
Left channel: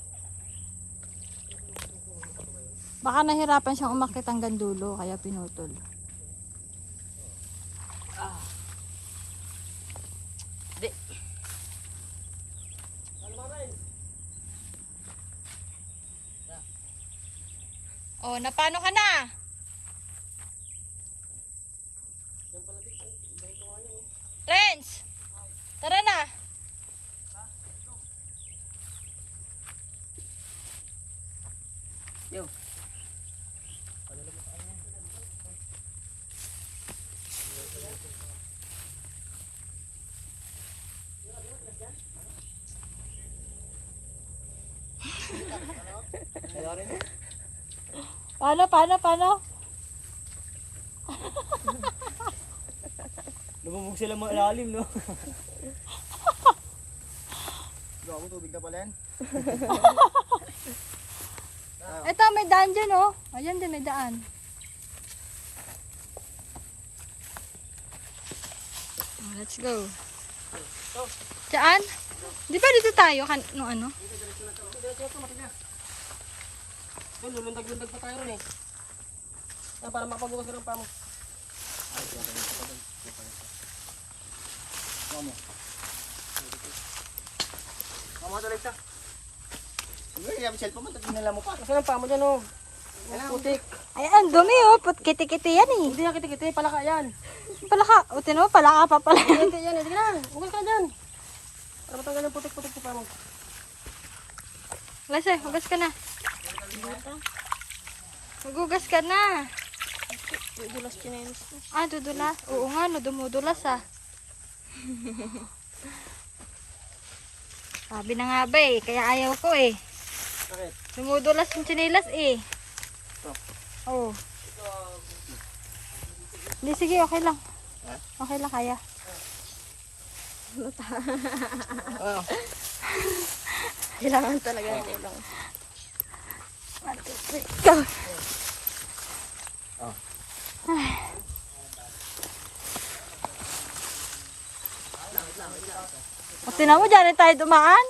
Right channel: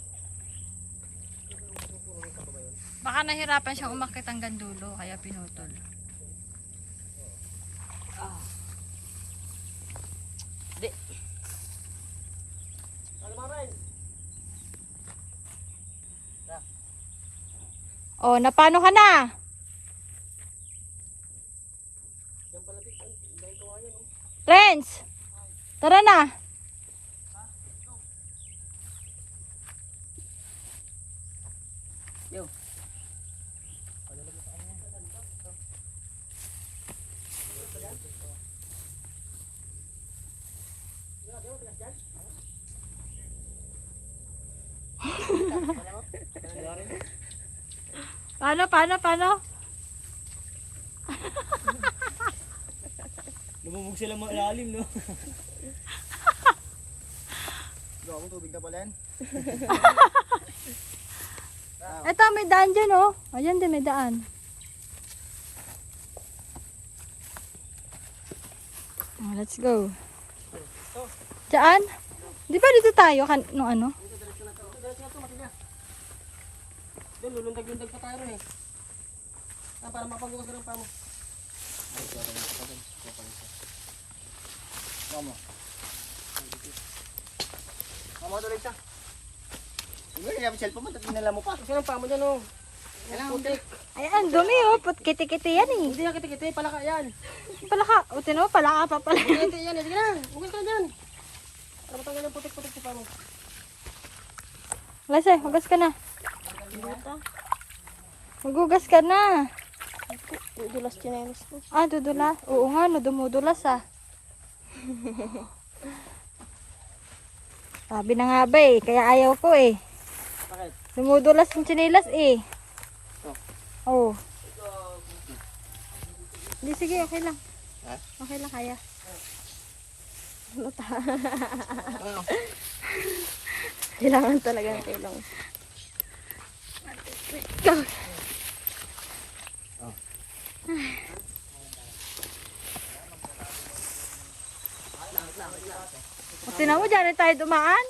Baka nahirapan siyang umakit hanggang dulo, kaya pinutol. Di. Oh, napano ka na? Renz, tara na. Yo. Paano? Lumubog sila mga ilalim, no? Gawa tubig na pala yan. Ito, may daan dyan, oh. Ayan din, may daan. Oh, let's go. Diyan? Di ba dito tayo? No, ano? Diretso na to, matigas. Doon, lulundag-lundag pa tayo ron eh. Para makapagugas ka ng pamo. Mama, tuloy ka. Sige, yung cellphone mo, tinala mo pa. Kasi ng pamo dyan oh. Putik. Ayan, dumi, oh. Kiti-kiti yan, eh. Hindi yan kiti-kiti, palaka yan. Palaka. O, tinuwa, palaka pa pala. Kiti yan, hindi ka na. Hugas ka dyan. Ano tanggal yung putik-putik sa pamo? Lase, hugas ka na. Magugas ka na. Dulas chinelas ko. Ah, dudulas. Oo nga, no, dumudulas, ah. Sabi na nga ba, eh. Kaya ayaw ko, eh. Bakit? Dumudulas yung tsinelas, eh. Oo. Hindi, sige, okay lang. Ha? Okay lang, kaya. Kailangan talaga ng tulong. Go. O, tinan mo, dyan tayo dumaan.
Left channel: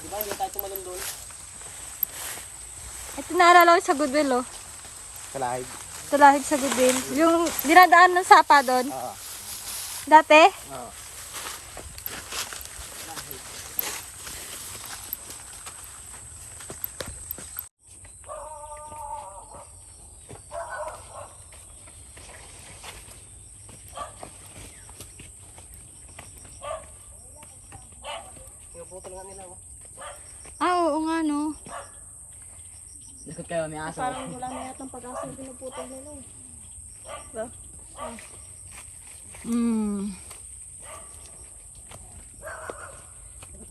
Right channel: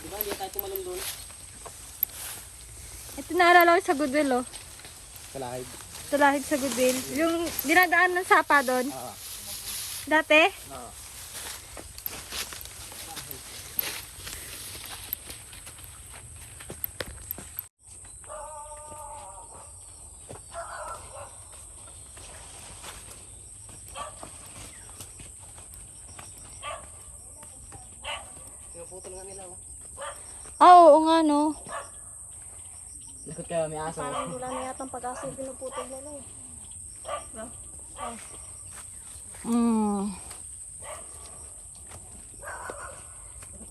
Di ba, hindi tayo tumalon doon. Ito naalala ko sa Goodwill, oh. Sa lahid. Tulahid sa Goodwill. Yung dinadaan ng sapa doon. Oo. Dati? Oo. Pinuputol nga nila, oh. Ah, oo nga, no. Likod kayo, may aso. Parang wala na yata ang pag-asa yung pinuputol nila eh. Bro? Hmm.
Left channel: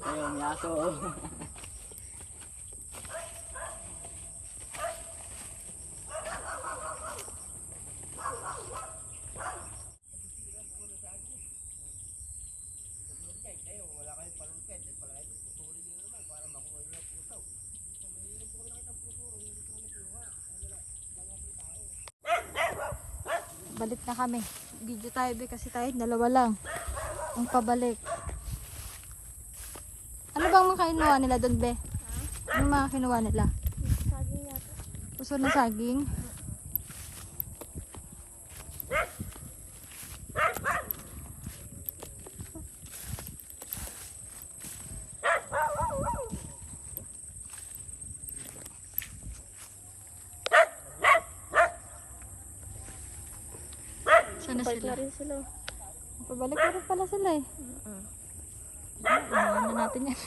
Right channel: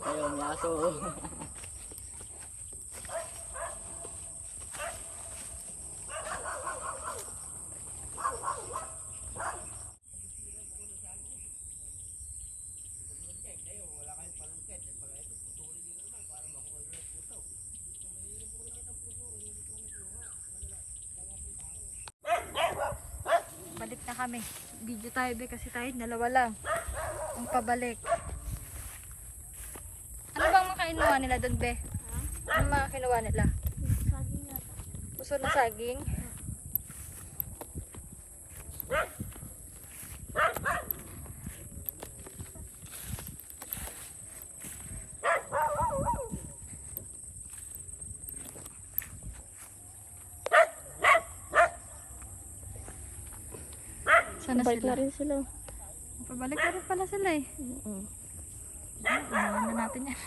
Ayun, may aso. Balik na kami. Video tayo, be, kasi tayo dalawa lang. Ang pabalik. Ano bang mga kinuha nila doon, be? Ano mga kinuha nila? Saging yata. Puso na saging. Sana Bait sila. na rin sila eh. Pabalik na rin pala sila eh. Unahan na natin yan.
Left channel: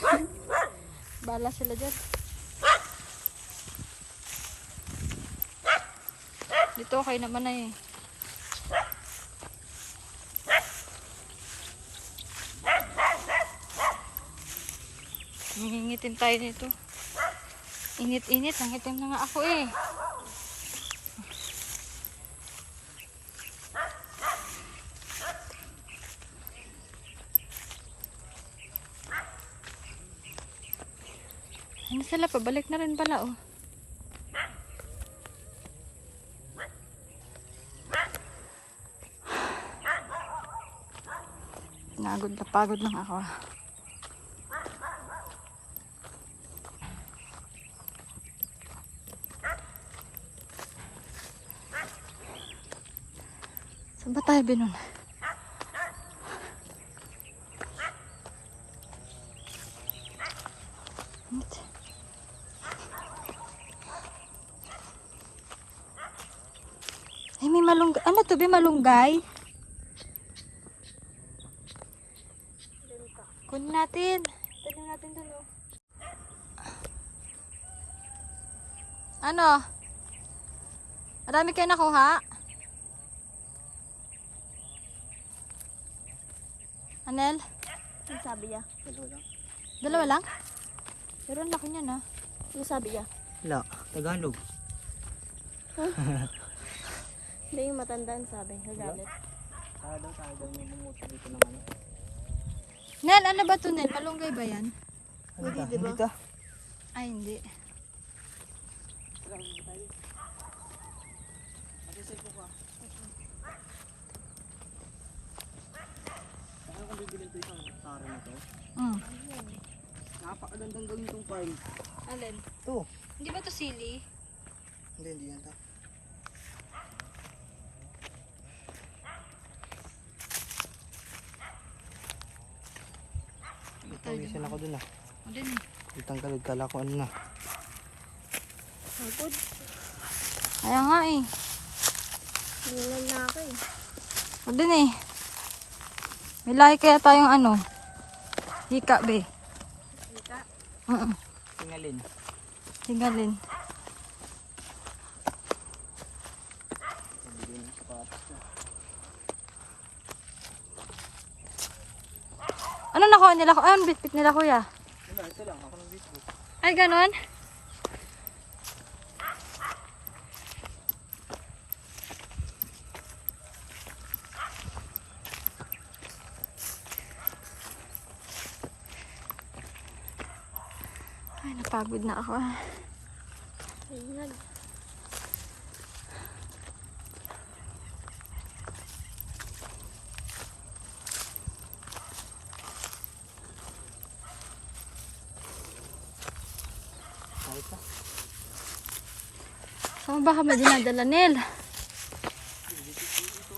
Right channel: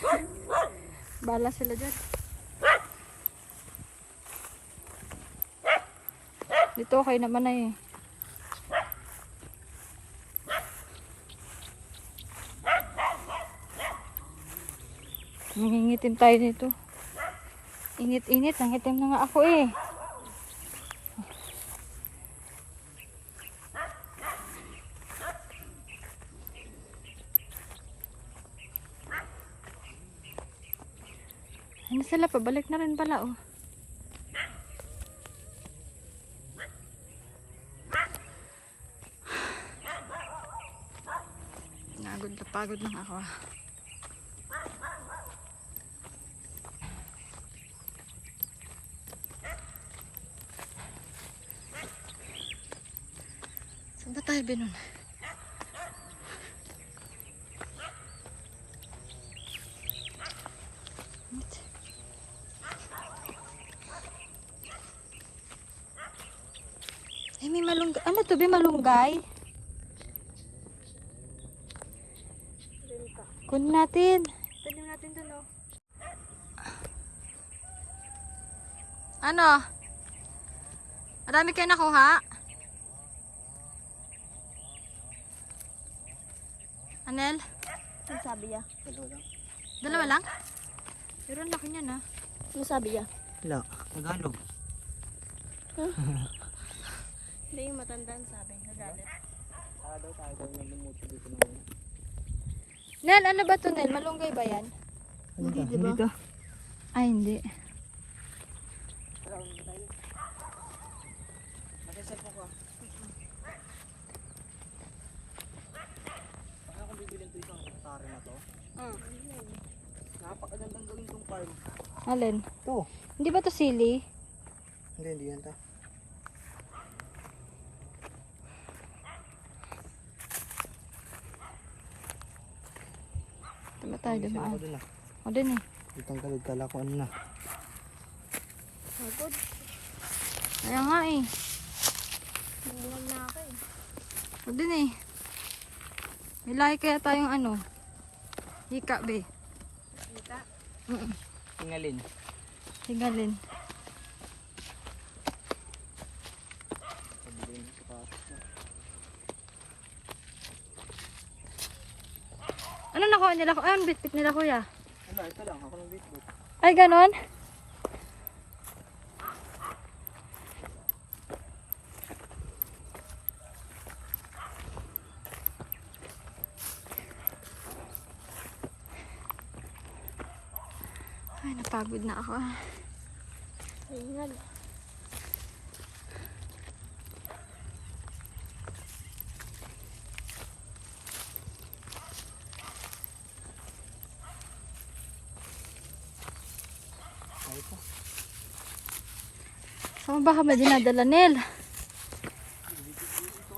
Bala sila dyan. Dito okay naman na eh. Nangingitim tayo nito. Init-init. Nangitim na nga ako eh. Ano sila? Pabalik na rin pala oh. Pagod lang ako. Saan ba tayo binon? Ay, may malunggay. Ano to? May malunggay? Kunin natin. Tanim natin dun, oh. Ano? Marami kayo nakuha? Anel? Ano sabi niya? Dalawa lang? Pero ang laki niyan, ah. Ano sabi niya? Wala, Tagalog. Hindi yung matandaan sabi. Nagalit. Nel, ano ba to, Nel? Malunggay ba yan? Hindi, hindi to. Ay, hindi. Napakagandang gawin tong farm. Alin? Oh. Hindi ba to sili? Hindi yan ta. Tala tayo Isa dumaan. ako dun ah. O din eh. Itang kalog kala ko ano na. Kaya nga eh. Hindi lang na ako eh. O din eh. May lahi kaya tayong ano. Hika be. Hika? Tingalin. Sigalin. Ano nakuha nila? Ano bitbit nila kuya? Ano, ito lang. Ako ng biscuit. Ay ganon? Pagod na ako. Ayan. Kahit pa. Saan ba kami dinadala, Nel? Ito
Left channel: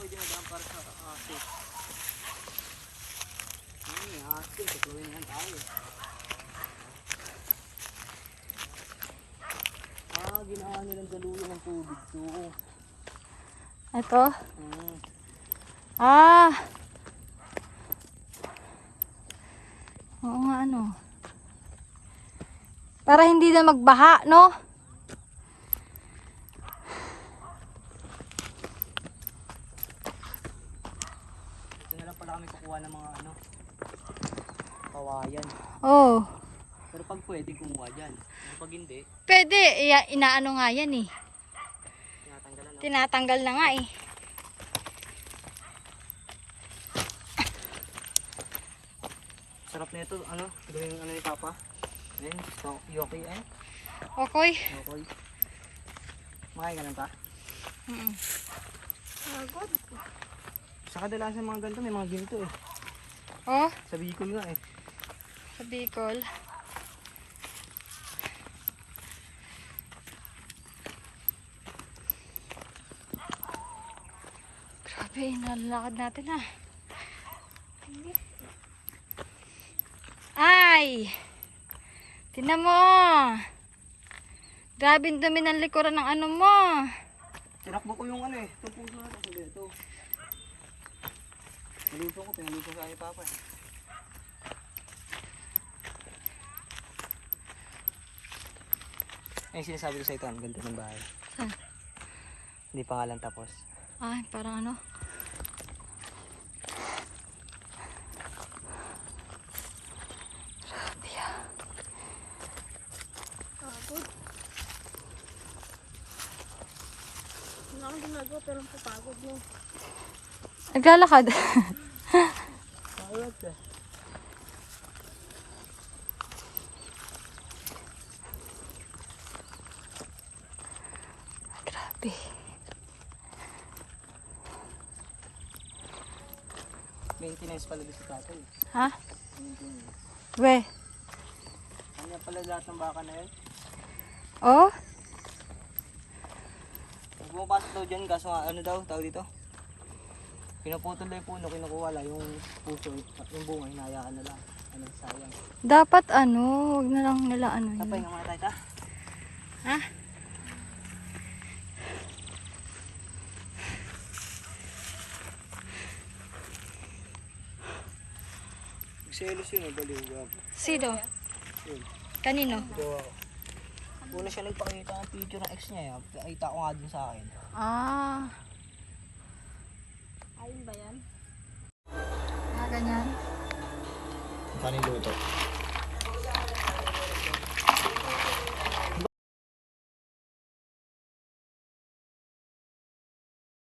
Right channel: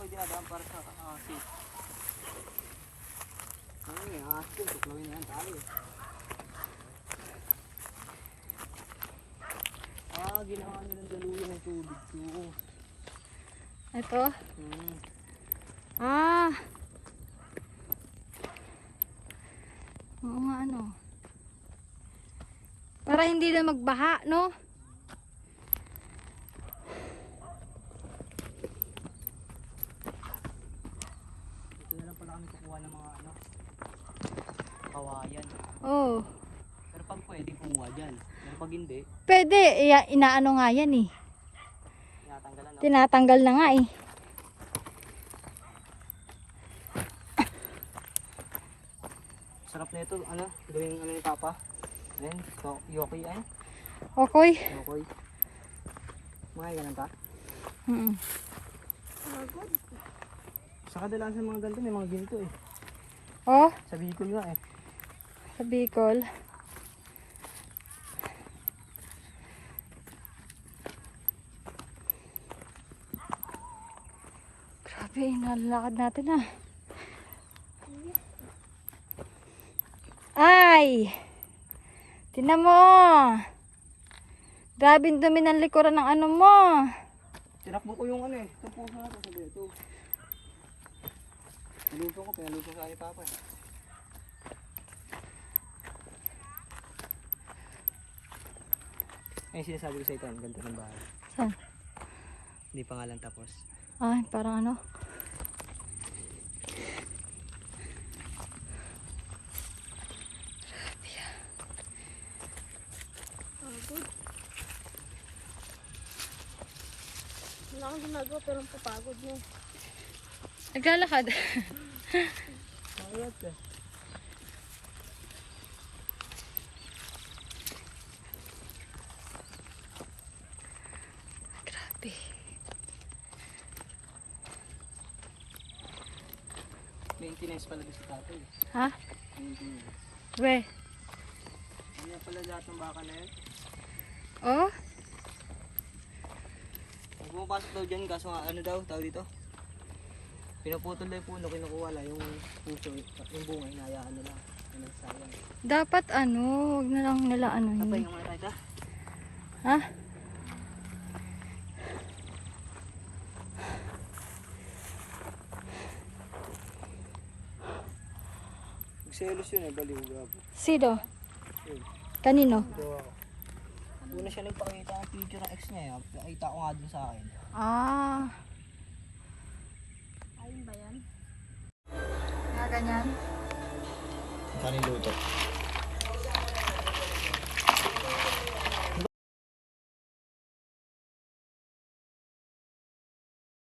ay dinadaan para sa asin. Ay, asin. Tuklawin yan tayo. Ginawa nilang daluyan ng tubig to. Ito? Hmm. Ah! Oo nga, ano. Para hindi na magbaha, no? Ito na lang pala kami kukuha ng mga ano, kawayan. Oo. Pero pag pwede kumuha dyan. Pero pag hindi, Pwede. Inaano nga yan eh. tinatanggalan na. Tinatanggal na nga eh. Sarap na ito, ano, gawing ano ni Papa. Ayan, so, yoki ay. Okay. Yoki. Makain ka lang pa? Pagod. Sa kadalasan mga ganito, may mga ginto eh. Oh, Sa Bicol nga eh. sa Bicol. Grabe, nalalakad natin ah. Ay! Tingnan mo! Grabe ang dumi ng likuran ng ano mo. Tinakbo ko yung ano eh, itong puso na ito, sabi ito. Nalusong ko, pinalusong sa ni Papa eh. Ay, sinasabi ko sa ito, ang ganda ng bahay. Saan? Hindi pa nga lang tapos. Ay, parang ano. Pagod. Wala akong ginagawa pero papagod yun. Naglalakad. Nakulat eh. Grabe. Maintenance pala dito sa tatay. Ha? Maintenance. We. Ano na pala lahat ng baka na yun? Oh? Pag pumapasok daw dyan, kaso nga, ano daw, tao dito? Pinaputol na yung puno, kinukuha lang yung puso, yung bunga, hinayaan na lang. Ano, sayang. Dapat ano, wag na lang nila ano Patay eh. nga tayo. Ha? Selos yun, baliw gapo. Sino? Kanino? Una siya nagpakita ng picture ng ex niya, nakita ko nga din sa akin. Ah. Ayun ba yan? Ah, ganyan. Kanin luto.